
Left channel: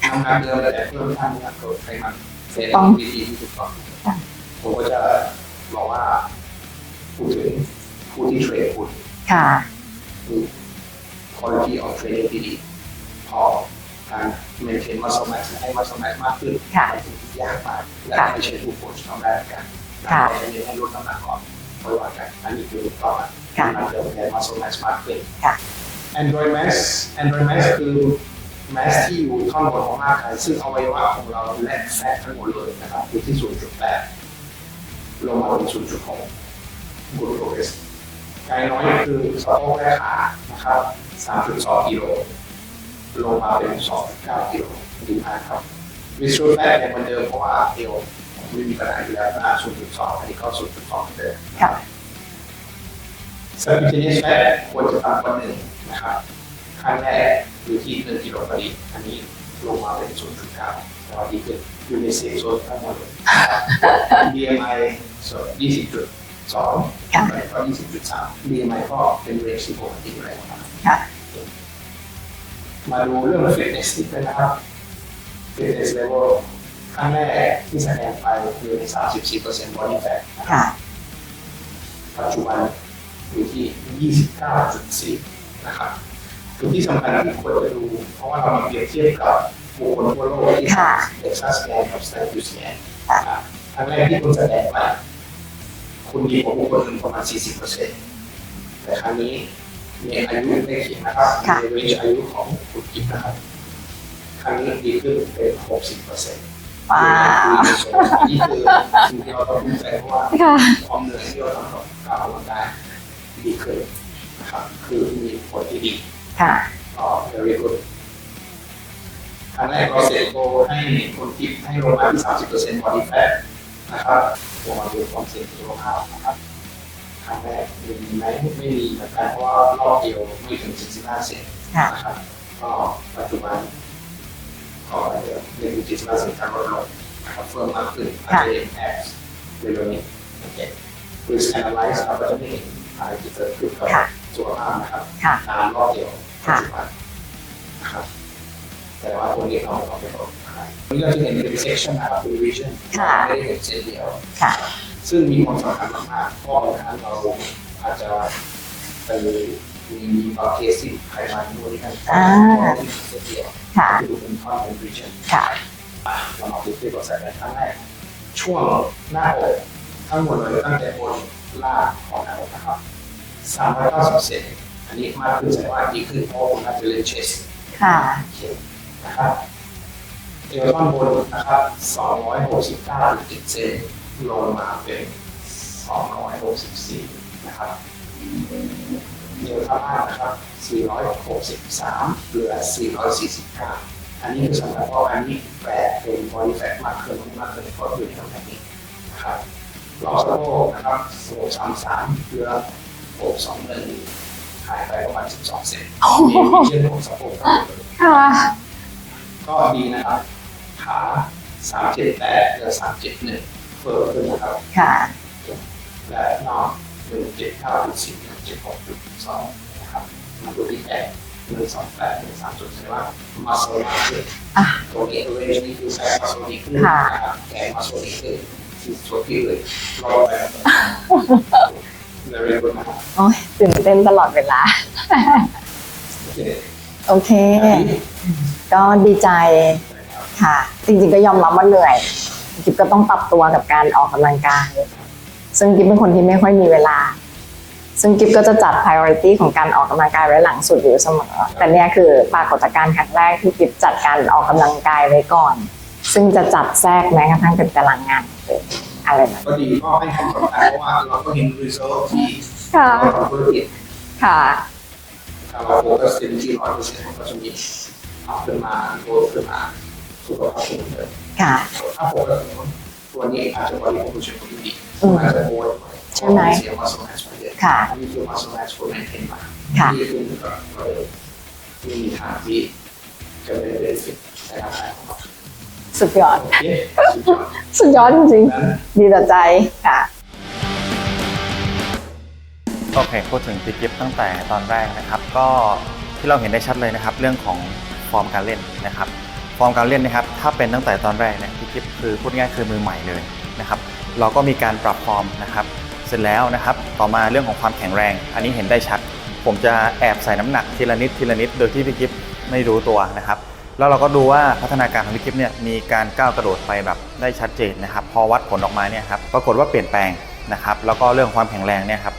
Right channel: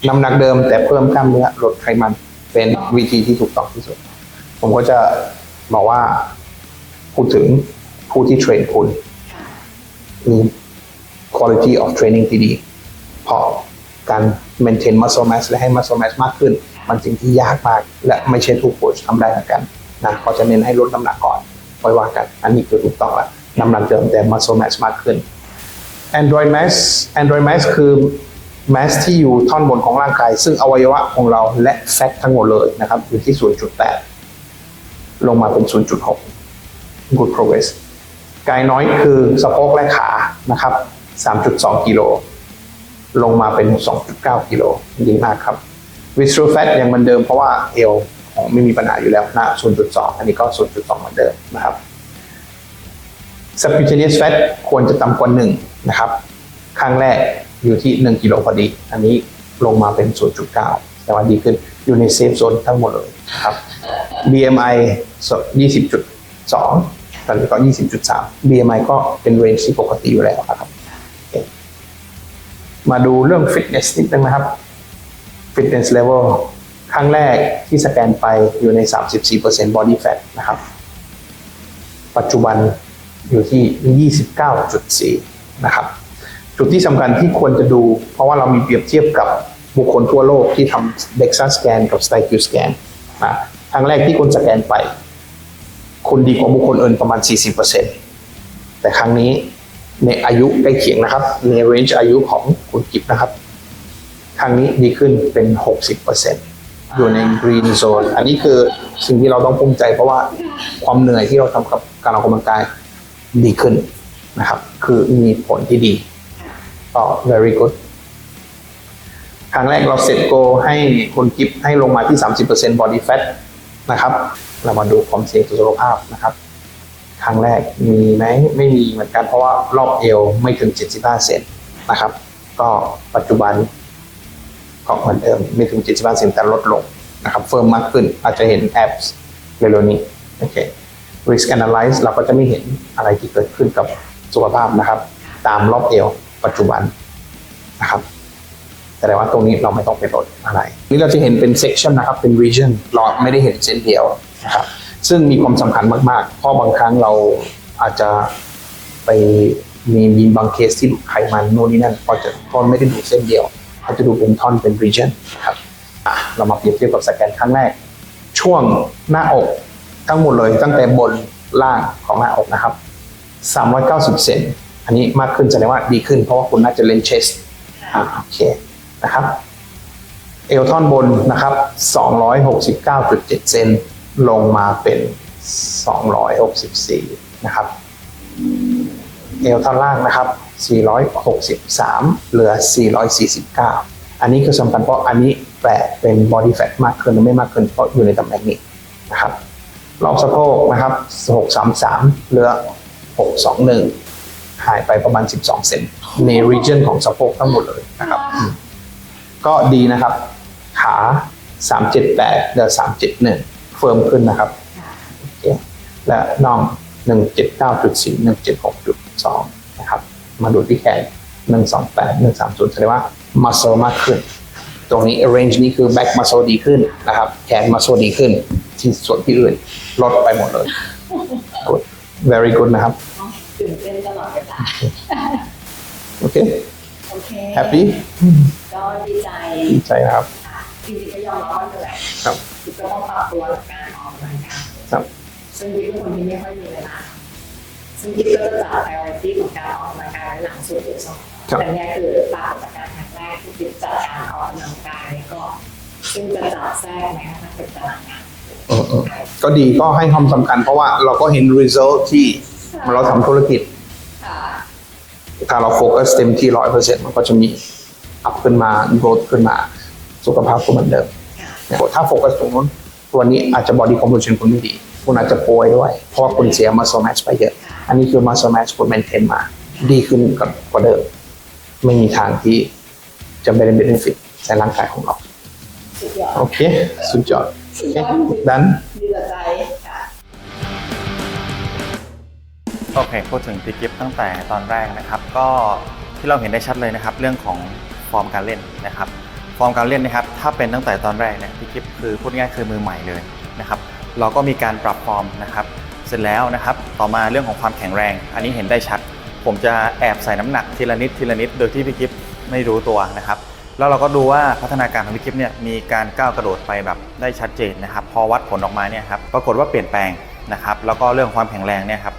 Speaker 5: น้ำหนักเดิมแต่เพิ่มกล้ามเนื้อลดไขมัน เป็น
Speaker 2: ต้อง
Speaker 5: วิธีที่ถูกต้องที่สุด
Speaker 2: ค่ะ
Speaker 5: ผมก็จะบอกว่าพูดถึงผู้ที่เทรนคุณ
Speaker 2: ค่ะ
Speaker 5: มี quality of training ที่ดีเพราะ การ maintain muscle mass และให้ muscle mass มากขึ้น
Speaker 2: ค่ะ
Speaker 5: มันสิ่งที่ยากมาก และ
Speaker 2: ค่ะ
Speaker 5: ไม่ใช่ทุกโค้ชทำได้เหมือนกันนะ
Speaker 2: ค่ะ
Speaker 5: เขาจะเน้นให้ลดน้ำหนักก่อนค่อยว่ากัน อันนี้คือถูกต้องละ
Speaker 2: ค่ะ
Speaker 5: น้ำหนักเดิมแต่ muscle mass มากขึ้น
Speaker 2: ค่ะ
Speaker 5: Android mass Android mass คือ mass ที่อยู่ท่อนบนของร่างกาย ซึ่งอวัยวะของเราและแฟตทั้งหมดเลยนะครับอยู่ที่ 0.8 ลงมาเป็น 0.6 good progress กายน้อยคือสะโพกและขานะครับ 3.2 กิโล ลงมาเป็น 2.9 กิโลดีมากครับ visceral fat ยังเหมือนเดิมเพราะว่าเอวของไม่มีปัญหาอยู่แล้วนะ0.2 อันนี้ก็ 0.2 เหมือนเดิมนะครับ subcutaneous fat ควรจะต่ำกว่า1นะครับครั้งแรกอยู่ที่ 1 กิโลพอดี อันนี้ลงมาเป็น 0.9 แต่ว่าดีขึ้นอยู่ในเซฟโซนทั้งหมดเลยนะครับ BMI 20.2
Speaker 2: ค่ะ
Speaker 5: ตอนนี้ก็ 20.3 BMI ก็เป็นเรนจ์ที่ปกติอยู่แล้วนะครับ
Speaker 2: ค่ะ
Speaker 5: มาดูเรื่องฟิตเนสนิดนึงนะครับฟิตเนสเลเวลครั้งแรกที่สแกนไปอยู่ใน 34% body fat นะครับ
Speaker 2: ค่ะ
Speaker 5: ปัจจุบันอยู่ที่ 29.4 นะครับ จุดที่สำคัญที่ควรจะดู เพราะว่าเรามีเปรียบเทียบกับบุคคลทั่วโลกที่
Speaker 2: ค่ะ
Speaker 5: ทำ DEXA scan กับ STIQ scan
Speaker 2: ค่ะ
Speaker 5: อะครั้งแรกที่คุณสแกนไป คุณดีกว่าบุคคลอื่นประมาณ 40%แต่ครั้งนี้ ในอายุใกล้เคียงนะครับอยู่ใน range อายุของคุณกิฟนะครับครั้งนี้ดีขึ้นเป็น 60%อยู่ใน green zone อันนี้คือสิ่งที่เราต้องภูมิใจเพราะว่า
Speaker 2: ค่ะ
Speaker 5: ความเหนื่อยที่เราทำกับการออกกำลังกายดีขึ้นนะครับ คือมีผลที่ดี
Speaker 2: ค่ะ
Speaker 5: ก็ very good ครั้งแรกเราเสร็จโกให้คนกิฟให้ลงมาที่ 30% body fat นะครับ เรามาดูความเสี่ยงต่อสุขภาพนะครับ ครั้งแรกมีไหมไม่มีเหมือนกันเพราะว่ารอบเอวไม่ถึง 75เซน
Speaker 2: ค่ะ
Speaker 5: นะครับ ก็ปัจจุบันก็เหมือนเดิมไม่ถึง 75เซนแต่ลดลงนะครับเฟิร์มมากขึ้นอาจจะเห็นแอปเร็วๆนี้โอเค risk analyze เราก็จะไม่เห็นอะไรที่เกิดขึ้นกับ
Speaker 2: ค่ะ
Speaker 5: สุขภาพนะครับ
Speaker 2: ค่ะ
Speaker 5: ตามรอบเอวปัจจุบันนะครับแสดงว่าตรงนี้เราไม่ต้องไปลดอะไรนี่เราจะเห็นเป็น section นะครับเป็น region เราไม่ได้เห็นเส้นเดียว
Speaker 2: ค่ะ
Speaker 5: นะครับ ซึ่งมีความสำคัญมากๆ เพราะบางครั้งเราอาจจะไปมีมีบางเคสที่ไขมันโน่นนี่นั่นเพราะจะ
Speaker 2: อ่า
Speaker 5: เพราะไม่ได้ดูเส้นเดียว
Speaker 2: ค่ะ
Speaker 5: เขาจะดูเป็นท่อนเป็น region
Speaker 2: ค่ะ
Speaker 5: อะเรามาเปรียบเทียบกับสแกนครั้งแรก ช่วงหน้าอกทั้งหมดเลยตั้งแต่บนล่างของหน้าอกนะครับ 390 เซนอันนี้มากขึ้นแสดงว่าดีขึ้นเพราะว่าคุณน่าจะเล่นเชส
Speaker 2: ค่ะ
Speaker 5: โอเคนะครับ เอวท่อนบนนะครับ 269.7 เซน ลงมาเป็น 264 นะครับเอวท่อนล่างนะครับ 463 เหลือ 449 อันนี้คือสำคัญเพราะอันนี้แปลเป็น body fat มากขึ้นหรือไม่มากขึ้นเพราะอยู่ในตำแหน่งนี้นะครับรอบสะโพกนะครับ 633 เหลือ 621 หายไปประมาณ 12 เซนใน region ของสะโพกทั้งหมดเลย
Speaker 2: ค่ะ
Speaker 5: ก็ดีนะครับ ขา 378 เหลือ 371 เฟิร์มขึ้นนะครับ
Speaker 2: ค่ะ
Speaker 5: โอเคและน่อง 179.4 176.2 นะครับ มาดูที่แขน 128 130แสดงว่า muscle มากขึ้น
Speaker 2: อะ
Speaker 5: ตรงนี้ range นี้คือ back muscle ดีขึ้น
Speaker 2: ค่ะ
Speaker 5: นะครับ แขน muscle ดีขึ้น ที่ส่วนที่อื่นลดไปหมดเลย very good นะครับ
Speaker 2: โอ้ยตื่นเต้นตลอดเวลา
Speaker 5: โอเค
Speaker 2: โอเค
Speaker 5: happy
Speaker 2: ก็ดีใจ
Speaker 5: ดีใจนะครับ
Speaker 2: ค่ะ จริงๆก็ยอมรับว่าเหนื่อย
Speaker 5: ครับ
Speaker 2: จิ๊บก็ต้องปรับตัวกับการออกกำลังกาย
Speaker 5: ครับ
Speaker 2: ซึ่งกิ๊บเป็นคนที่ไม่ค่อยมีเวลา ซึ่งกิ๊บก็จะจัด priority ของการออกกำลังกายไว้หลังสุดอยู่เสมอ
Speaker 5: ครับ
Speaker 2: แต่เนี่ยคือปรากฏการณ์ครั้งแรกที่กิ๊บจัดการออกกำลังกายไว้ก่อน ซึ่งจะจัดแทรกแม้กระทั่งเป็นตารางงานเลย
Speaker 5: อืมอืม
Speaker 2: อะไรแบบนี้
Speaker 5: ก็ดีก็ให้ความสำคัญเพราะว่าเราก็เห็น result ที่
Speaker 2: ค่ะ
Speaker 5: เราทำธุรกิจ
Speaker 2: ค่ะ
Speaker 5: ถ้าเราโฟกัสเต็มที่ร้อยเปอร์เซ็นต์มันก็จะมีอัพขึ้นมา growth ขึ้นมา สุขภาพก็เหมือนเดิม
Speaker 2: ค่ะ
Speaker 5: ถ้าโฟกัสตรงนู้นตัวนี้อาจจะ body composition คุณไม่ดี คุณอาจจะป่วยด้วย เพราะว่าคุณเสีย muscle mass ไปเยอะ
Speaker 2: ค่ะ
Speaker 5: อันนี้คือ muscle mass คุณ maintain มา
Speaker 2: ค่ะ
Speaker 5: ดีขึ้นกว่าเดิม ไม่มีทางที่จะไม่ได้ benefit ในร่างกายของเรา
Speaker 2: สุดยอด
Speaker 5: โอเค สุดยอด
Speaker 2: สุดยอดจริง
Speaker 5: นั้น
Speaker 2: ๆดีต่อใจค่ะ
Speaker 3: โอเคพูดถึงตีกิฟตั้งแต่ตอนแรกนะครับ ก็ที่เราเห็นได้ชัดเลยนะครับ เรื่องของฟอร์มการเล่นนะครับฟอร์มการเล่นนะครับถ้าเป็นตั้งแต่ตอนแรกเนี่ยตีกิฟคือพูดง่ายคือมือใหม่เลยนะครับเราก็มีการปรับฟอร์มนะครับ เสร็จแล้วนะครับ ต่อมาเรื่องของความแข็งแรง อันนี้เห็นได้ชัด ผมจะแอบใส่น้ำหนักทีละนิดทีละนิดโดยที่พี่กิฟไม่รู้ตัวนะครับแล้วเราก็ดูว่าพัฒนาการของพี่กิฟเนี่ยมีการก้าวกระโดดไปแบบได้ชัดเจนนะครับ พอวัดผลออกมาเนี่ยครับปรากฏว่าเปลี่ยนแปลงนะครับ แล้วก็เรื่องความแข็งแรงเนี่ยครับ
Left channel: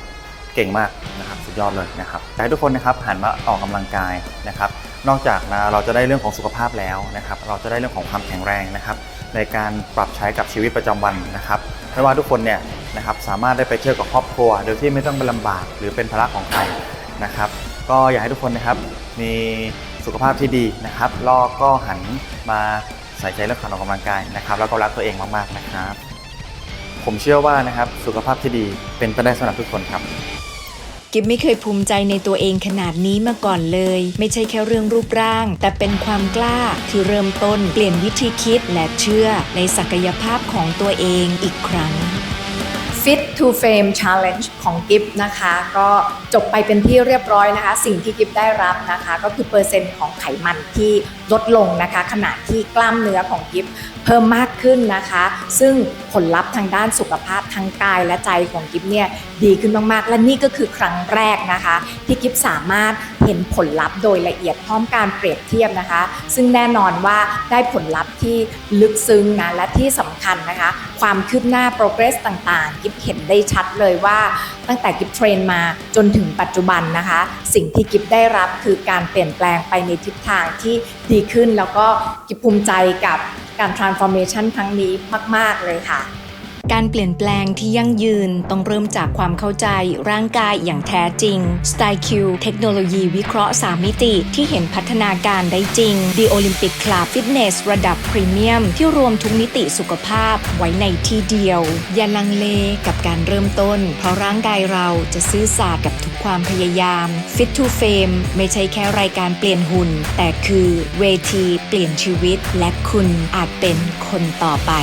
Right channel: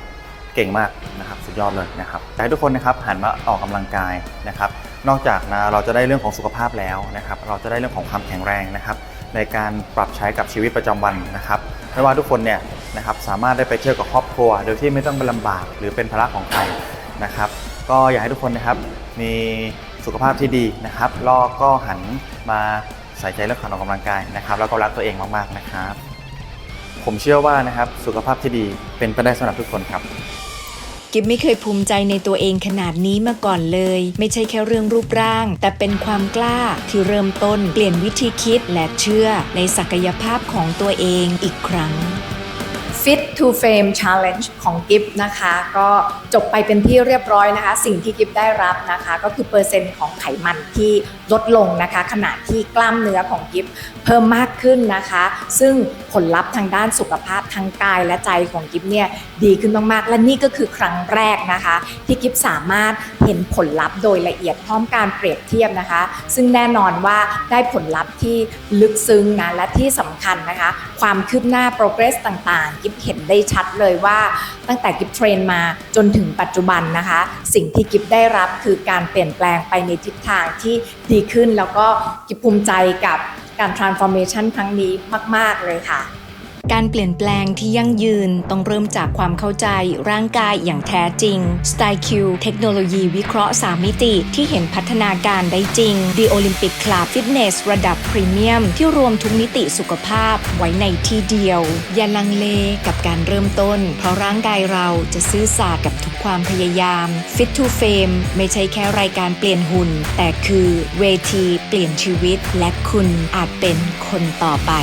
Speaker 3: เก่งมากนะครับสุดยอดเลยนะครับอยากให้ทุกคนนะครับหันมาออกกำลังกายนะครับ นอกจากนะเราจะได้เรื่องของสุขภาพแล้วนะครับ เราจะได้เรื่องของความแข็งแรงนะครับ ในการปรับใช้กับชีวิตประจำวันนะครับไม่ว่าทุกคนเนี่ยนะครับสามารถได้ไปเที่ยวกับครอบครัว โดยที่ไม่ต้องไปลำบากหรือเป็นภาระของใครนะครับ ก็อยากให้ทุกคนนะครับมีสุขภาพที่ดีนะครับล้วก็หันมาใส่ใจเรื่องการออกกำลังกายนะครับ แล้วก็รักตัวเองมากๆนะครับ ผมเชื่อว่านะครับสุขภาพที่ดีเป็นไปได้สำหรับทุกคนครับ
Speaker 1: กิฟไม่เคยภูมิใจในตัวเองขนาดนี้มาก่อนเลย ไม่ใช่แค่เรื่องรูปร่าง แต่เป็นความกล้าที่เริ่มต้นเปลี่ยนวิธีคิดและเชื่อในศักยภาพของตัวเองอีกครั้ง
Speaker 2: Fit to Fame Challenge ของกิฟนะคะ ก็จบไปเป็นที่เรียบร้อยนะคะ สิ่งที่กิฟได้รับนะคะ ก็คือเปอร์เซ็นต์ของไขมันที่ลดลงนะคะ ขณะที่กล้ามเนื้อของกิฟเพิ่มมากขึ้นนะคะ ซึ่งผลลัพธ์ทางด้านสุขภาพทางกายและใจของกิฟเนี่ยดีขึ้นมากๆ และนี่ก็คือครั้งแรกนะคะ ที่กิฟสามารถเห็นผลลัพธ์โดยละเอียดพร้อมการเปรียบเทียบนะคะ ซึ่งแน่นอนว่าได้ผลลัพธ์ที่ลึกซึ้งนะและที่สำคัญนะคะ ความคืบหน้า progress ต่างๆกิฟเห็นได้ชัดเลยว่าตั้งแต่กิฟเทรนมาจนถึงปัจจุบันนะคะ สิ่งที่กิฟได้รับคือการเปลี่ยนแปลงไปในทิศทางที่ดีขึ้นแล้วก็กิฟภูมิใจกับการ transformation ครั้งนี้มาก ๆ เลยค่ะ
Speaker 1: การเปลี่ยนแปลงที่ยั่งยืนต้องเริ่มจากความเข้าใจร่างกายอย่างแท้จริง s t y l e Q เทคโนโลยีวิเคราะห์ 3 มิติที่เห็นพัฒนาการได้จริง The Olympic Club Fitness ระดับพรีเมียมที่รวมทุกมิติสุขภาพไว้ในที่เดียว อย่าลังเลกับการเริ่มต้น เพราะร่างกายเราจะซื่อสัตย์กับทุกความพยายาม Fit to Fame ไม่ใช่แค่รายการเปลี่ยนหุ่น แต่คือเวทีเปลี่ยนชีวิตและคุณอาจเป็นคนต่อไป